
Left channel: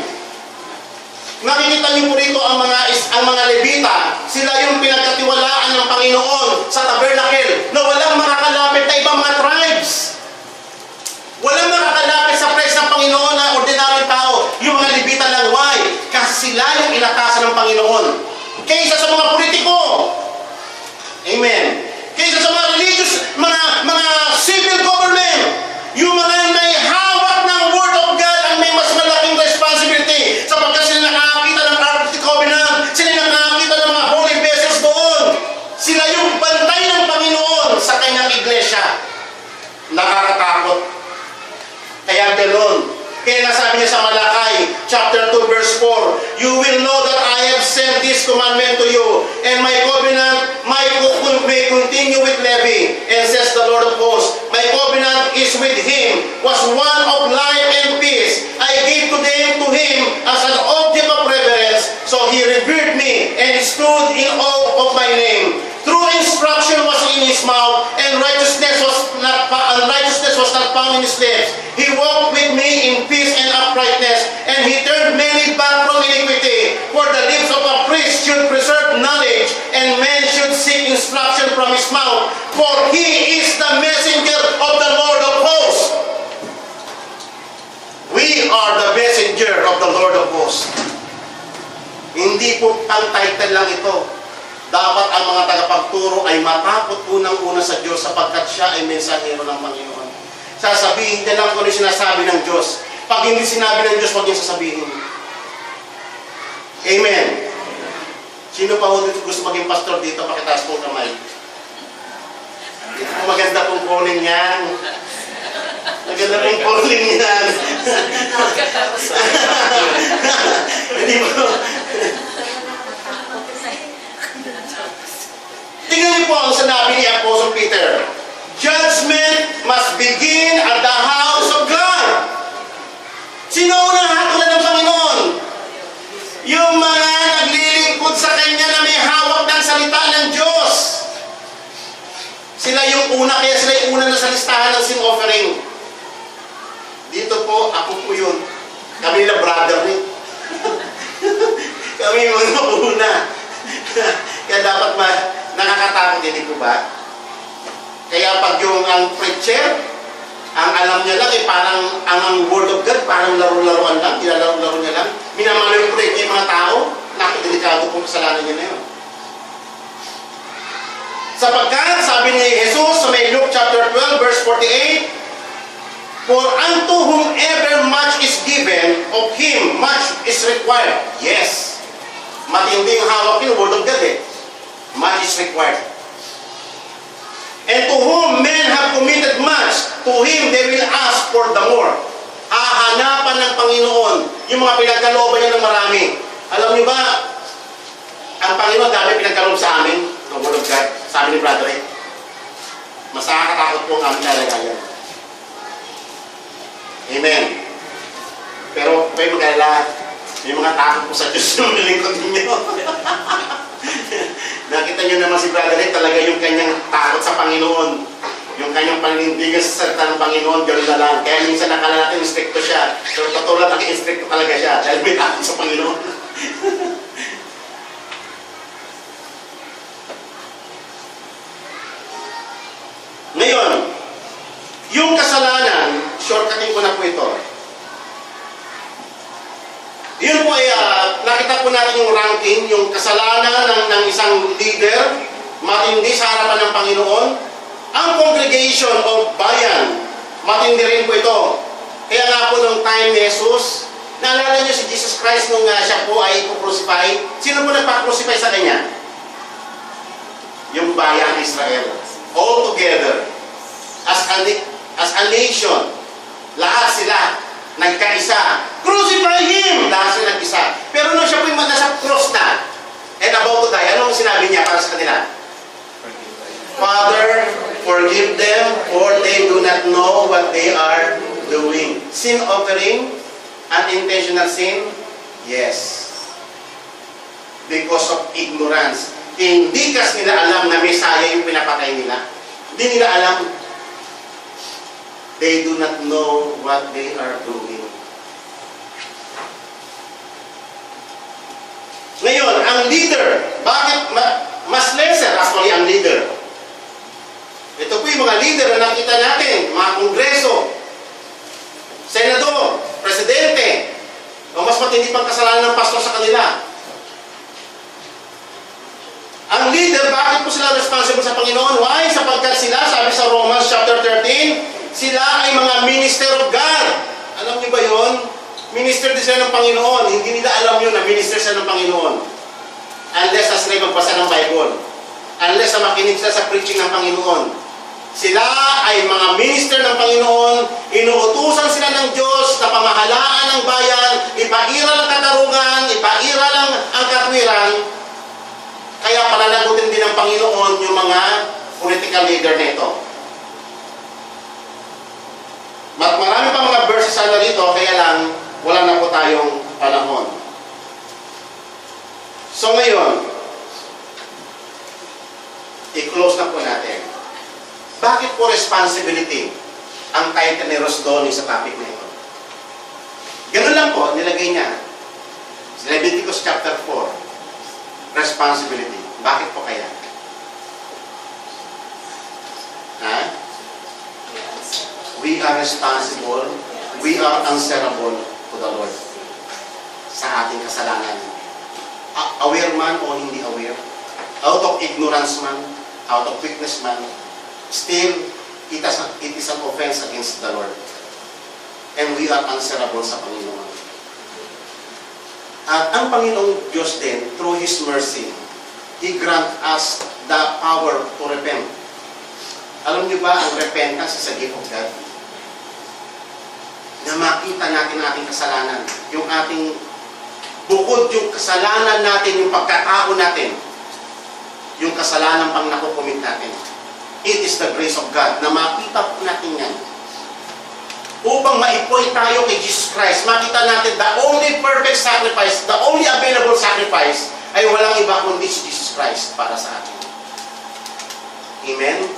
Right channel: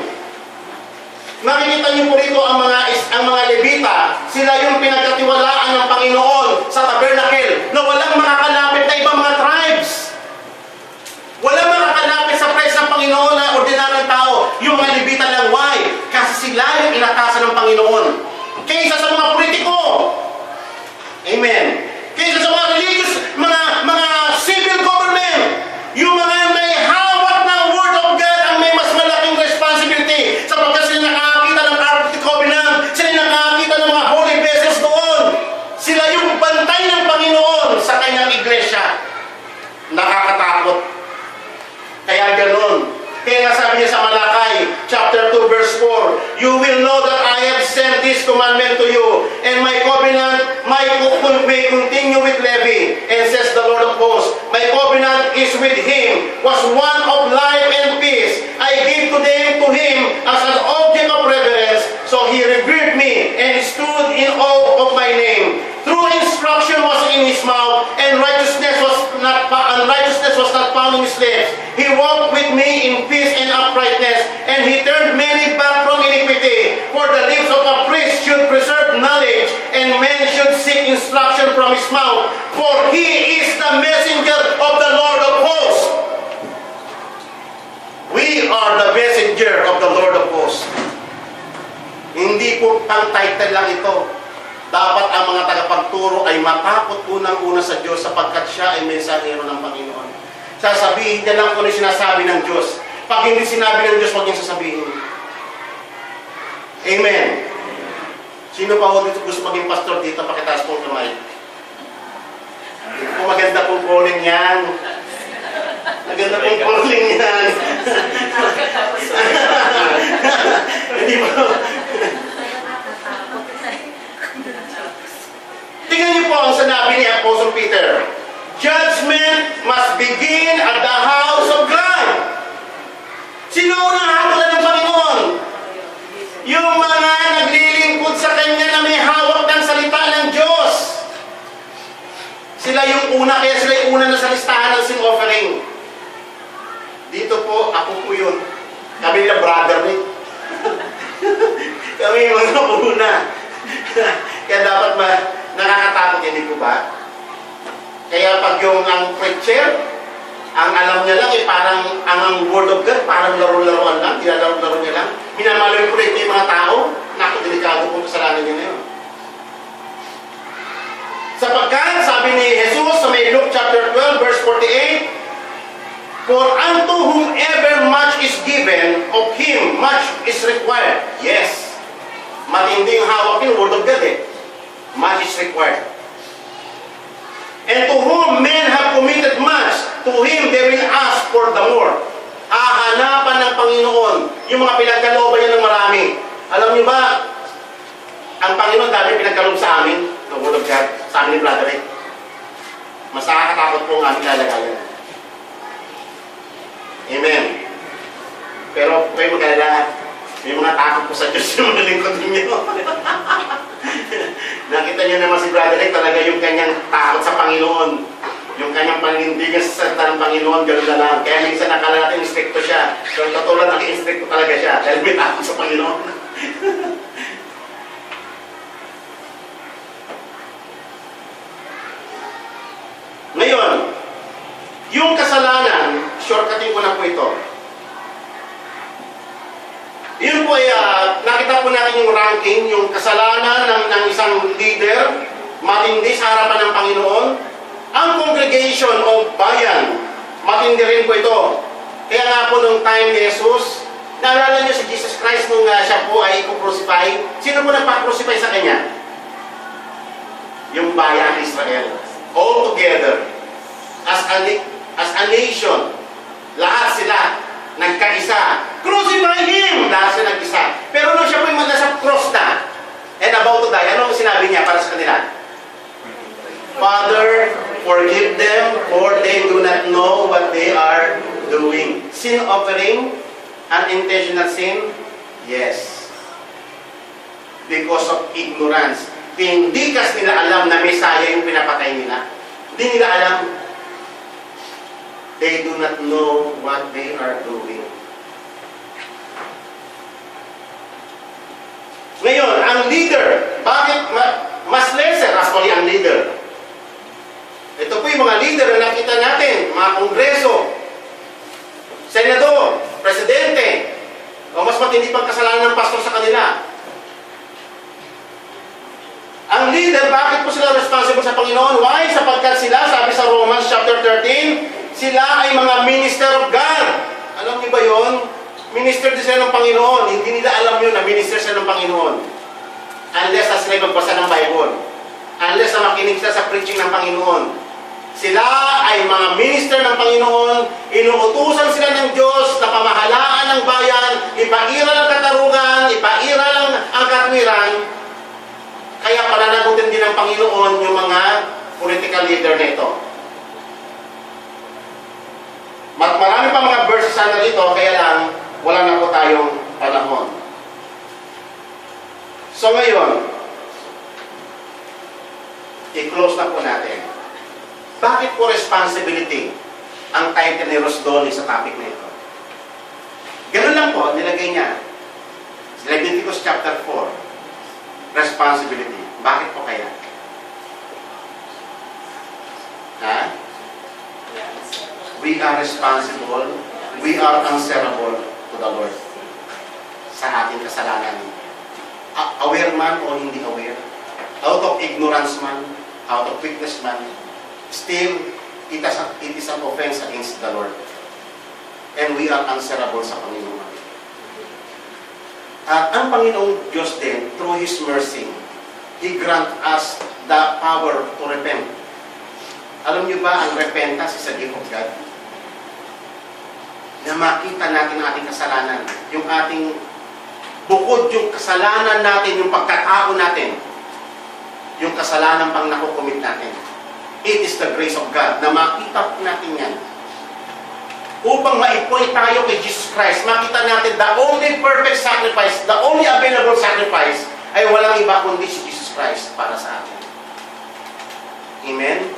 Nakikita niyo po rito ang mga Levita, sila yung pinagkatiwalaan ng Panginoon sa tabernacle na walang makakalapit na ibang mga tribes. Walang makakalapit sa presence ng Panginoon na ordinaryong tao. Yung mga Levita lang. Why? Kasi sila yung inatasan ng Panginoon. Kaysa sa mga politiko. Amen. Kaysa sa mga religious, mga civil government. Yung mga may hawak ng Word of God ang may mas malaking responsibility. Sapagkat sila nakakita ng Ark of the Covenant. Sila nakakita ng mga holy vessels doon. Sila yung bantay ng Panginoon sa kanyang iglesia. Nakakatakot. Kaya ganoon. Kaya nasabi niya sa Malakay, chapter 2, verse 4, you will know that I have sent this commandment to you, and my covenant may continue with Levi, and says the Lord of hosts, my covenant is with him, was one of life and peace. I gave to him as an object of reverence, so he revered me, and stood in awe of my name. True instruction was in his mouth, and righteousness was not found in his lips. He walked with me in peace and uprightness, and he turned many back from iniquity. For the lips of a priest should preserve knowledge, and men should seek instruction from his mouth. For he is the messenger of the Lord of hosts. We are the messenger of the Lord of hosts. Hindi po pang-title lang ito. Dapat ang mga tagapagturo ay matakot unang-una sa Diyos sapagkat siya ay mensahero ng Panginoon. Sasabihin niya lang kung ano sinasabi ng Diyos. Pag hindi sinabi ng Diyos, huwag niyong sasabihin. Amen. Sino pa ho dito gusto maging pastor dito? Pakitaas pong kamay. Oh, maganda pong calling yan. Maganda pong calling yan. Hindi mo. Tingnan niyo po ang sinabi ni Apostle Peter. Judgment must begin at the house of God. Sino unang hatulan ng Panginoon? Yung mga naglilingkod sa Kanya na may hawak ng salita ng Diyos. Sila yung una, kaya sila yung una na sa listahan ng sin offering. Dito po, ako po yun. Kami na brother ni. Kami mga una. Kaya dapat nakakatakot din po ba? Kaya pag yung ang preacher, ang alam niya lang parang ang word of God, parang laro-laruan lang, tinalaro-laro niya lang. Minamalulit yung mga tao, naku, delikado pong kasalanan niya na yun. Sapagkat, sabi ni Jesus sa may Luke chapter 12, verse 48, for unto whomever much is given, of him much is required. Yes. Matinding hawak yung word of God Much is required. And to whom men have committed much, to him they will ask for the more. Hahanapan ng Panginoon yung mga pinagkalooban niya ng marami. Alam niyo ba, ang Panginoon dami pinagkaloob sa amin, the Word of God, sa amin ni Brother Rick. Mas nakakatakot po ang aming lalagayan. Amen. Pero kayo mag-alala, may mga takot po sa Diyos yung malingkod ninyo. Nakita niyo naman si Brother Rick, talaga yung kanyang takot sa Panginoon. Yung kanyang panindigan sa salita ng Panginoon, gano'n na lang. Kaya minsan nakala natin instricto siya. Pero katulad ang instricto talaga siya. Dahil may takot sa Panginoon. Ngayon, yung kasalanan, shortcutin ko na po ito. Yun po ay, nakita po natin yung ranking, yung kasalanan ng isang leader, matindi sa harapan ng Panginoon. Ang congregation of bayan, Matindi rin po ito. Kaya nga po nung time ni Jesus, naalala niyo si Jesus Christ nung siya po ay crucify? Sino po nagpa-crucify sa kanya? Yung bayang Israel. All together. As a nation. Lahat sila nagkaisa. Crucify Him! Lahat sila nag-isa. Pero nung siya po yung nasa cross na, and about to die, ano ang sinabi niya para sa kanila? Father, forgive them, for they do not know what they are doing. Sin offering, unintentional sin, yes. Because of ignorance. Hindi kasi nila alam na Messiah yung pinapatay nila. Hindi nila alam. They do not know what they are doing. Ngayon, ang leader, bakit mas lesser actually ang leader? Ito po yung mga leader na nakita natin, mga kongreso, senador, presidente, o mas matindi pang kasalanan ng pastor sa kanila. Ang leader, bakit po sila responsible sa Panginoon? Why? Sapagkat sila, sabi sa Romans chapter 13, sila ay mga minister of God. Alam niyo ba yon? Minister din sila ng Panginoon. Hindi nila alam yun na minister sila ng Panginoon. Unless na sila magbasa ng Bible. Unless na makinig sila sa preaching ng Panginoon. Sila ay mga minister ng Panginoon, inuutusan sila ng Diyos na pamahalaan ng bayan, ipairal ang katarungan, ipairal ang katwiran. Kaya palalagutin din ng Panginoon yung mga political leader nito. Marami pa mga verses na rito, kaya lang wala na po tayong panahon. So ngayon, i-close na po natin. Bakit po responsibility ang title ni Rosdoni sa topic na ito? Ganun lang po, nilagay niya. Leviticus chapter 4. Responsibility. Bakit po kaya? Ha? We are responsible. We are answerable to the Lord sa ating kasalanan. Aware man o hindi aware, out of ignorance man, out of weakness man, still, it is an offense against the Lord. And we are answerable sa Panginoon. At ang Panginoong Diyos din, through His mercy, He grant us the power to repent. Alam niyo ba, ang repentance is a gift of God? Na makita natin ang ating kasalanan. Yung ating, bukod yung kasalanan natin, yung pagkatao natin, yung kasalanan pang nakukumit natin. It is the grace of God na makita po natin yan. Upang ma-point tayo kay Jesus Christ, makita natin the only perfect sacrifice, the only available sacrifice, ay walang iba kundi si Jesus Christ para sa atin. Amen?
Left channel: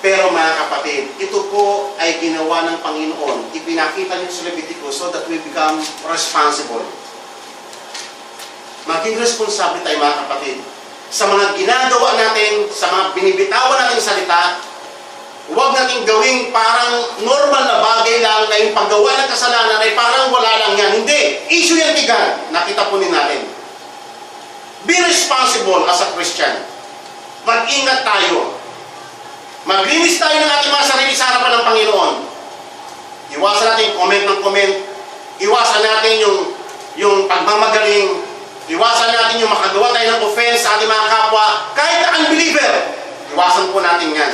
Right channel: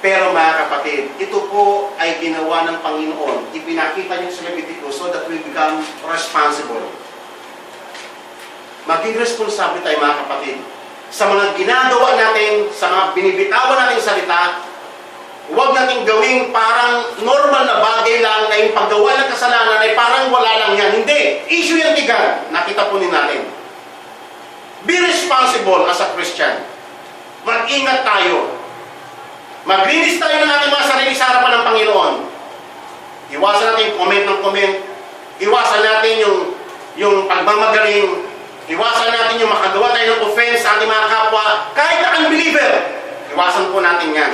Pero mga kapatid, ito po ay ginawa ng Panginoon. Ipinakita niya sa Leviticus so that we become responsible. Maging responsable tayo mga kapatid. Sa mga ginagawa natin, sa mga binibitawan nating salita, huwag nating gawing parang normal na bagay lang na yung paggawa ng kasalanan ay parang wala lang yan. Hindi. Issue yan kay God. Nakita po din natin. Be responsible as a Christian. Mag-ingat tayo. Maglinis tayo ng ating mga sarili sa harapan ng Panginoon. Iwasan natin yung comment ng comment. Iwasan natin yung pagmamagaling. Iwasan natin yung makagawa tayo ng offense sa ating mga kapwa. Kahit na unbeliever, iwasan po natin yan.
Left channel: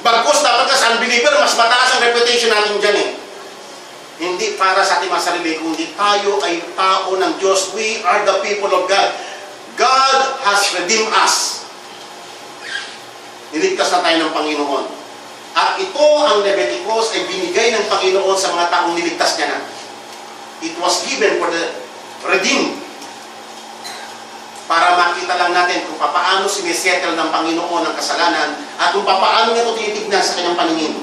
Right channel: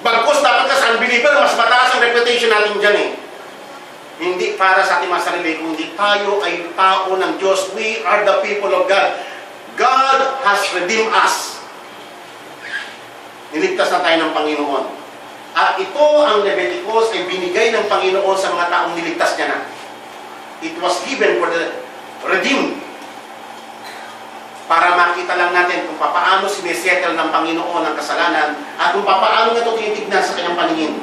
Bagkus dapat ka sa unbeliever, mas mataas ang reputation natin dyan eh. Hindi para sa ating mga sarili, kundi tayo ay tao ng Diyos. We are the people of God. God has redeemed us. Niligtas na tayo ng Panginoon. At ito ang Leviticus ay binigay ng Panginoon sa mga taong niligtas niya na. It was given for the redeemed. Para makita lang natin kung paano sinisettle ng Panginoon ang kasalanan at kung paano niya ito tinitignan sa kanyang paningin.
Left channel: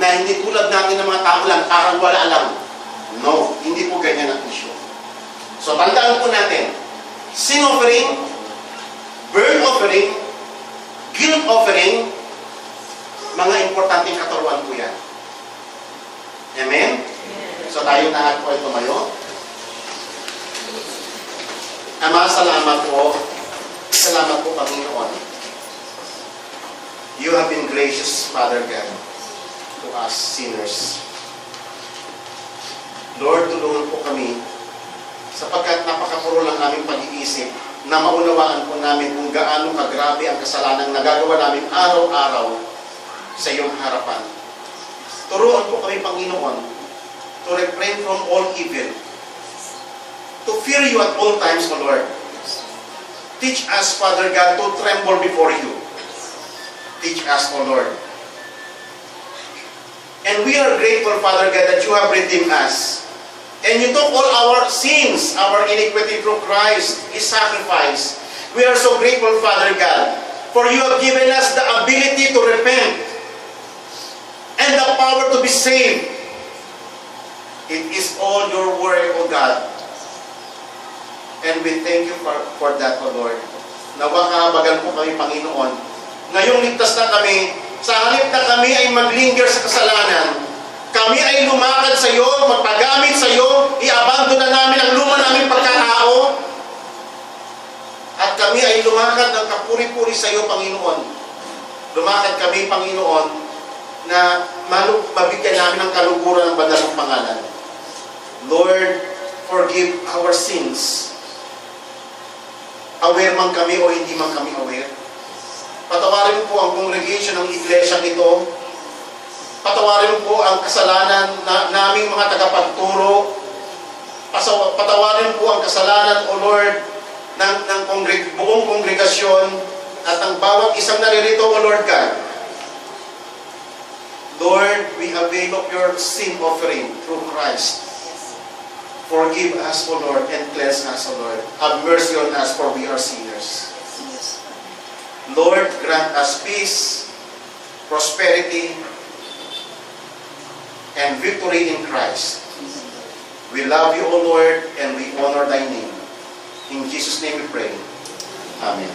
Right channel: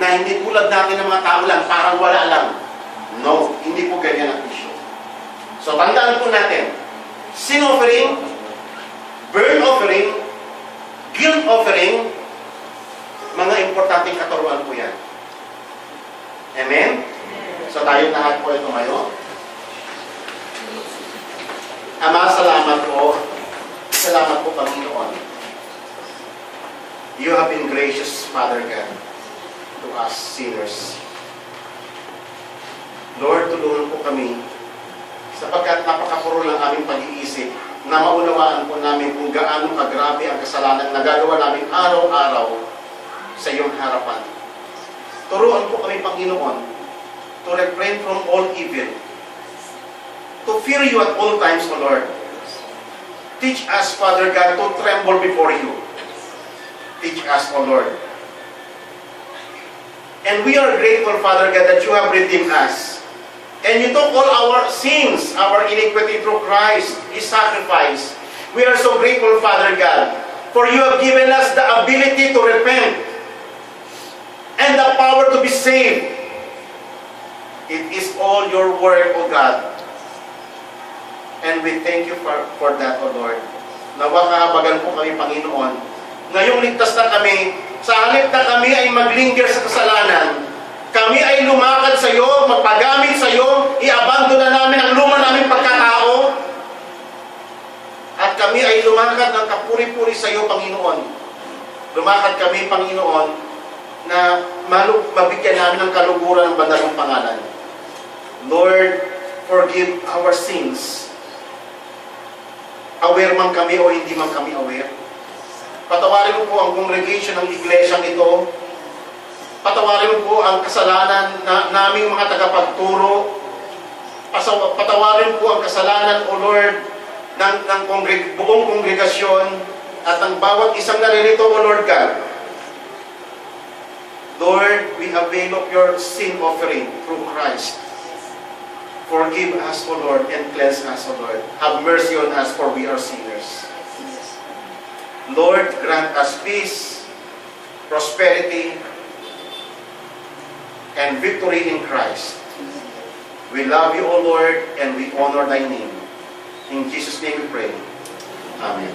Na hindi tulad natin ng mga tao lang, parang wala lang. No, hindi po ganyan ang issue. So tandaan po natin, sin offering, burnt offering, guilt offering, mga importanteng katuruan po yan. Amen? So tayo lahat po ay tumayo. Ama, salamat po. Salamat po, Panginoon. You have been gracious, Father God. to us sinners. Lord, tulungan po kami sapagkat napakapuro ng aming pag-iisip na maunawaan po namin kung gaano kagrabe ang kasalanan nagagawa namin araw-araw sa iyong harapan. Turuan po kami, Panginoon, to refrain from all evil, to fear you at all times, O Lord. Teach us, Father God, to tremble before you. Teach us, O Lord. And we are grateful, Father God, that you have redeemed us. And you took all our sins, our iniquity through Christ, His sacrifice. We are so grateful, Father God, for you have given us the ability to repent and the power to be saved. It is all your work, O God. And we thank you for that, O Lord. Nawa kahabagan po kami, Panginoon. Ngayong ligtas na kami, sa halip na kami ay maglinger sa kasalanan, kami ay lumakad sa iyo, magpagamit sa iyo, i-abandon na namin ang luma naming pagkatao, at kami ay lumakad ng kapuri-puri sa iyo, Panginoon. Lumakad kami, Panginoon, na mabigyan namin ng kaluguran ng banal mong pangalan. Lord, forgive our sins. Aware man kami o hindi man kami aware. Patawarin mo po ang congregation ng iglesyang ito. Patawarin mo po ang kasalanan na naming mga tagapagturo. Patawarin po ang kasalanan, O Lord, ng buong kongregasyon at ng bawat isang naririto, O Lord God. Lord, we avail of your sin offering through Christ. Forgive us, O Lord, and cleanse us, O Lord. Have mercy on us, for we are sinners. Lord, grant us peace, prosperity, and victory in Christ. We love you, O Lord, and we honor thy name. In Jesus' name we pray. Amen.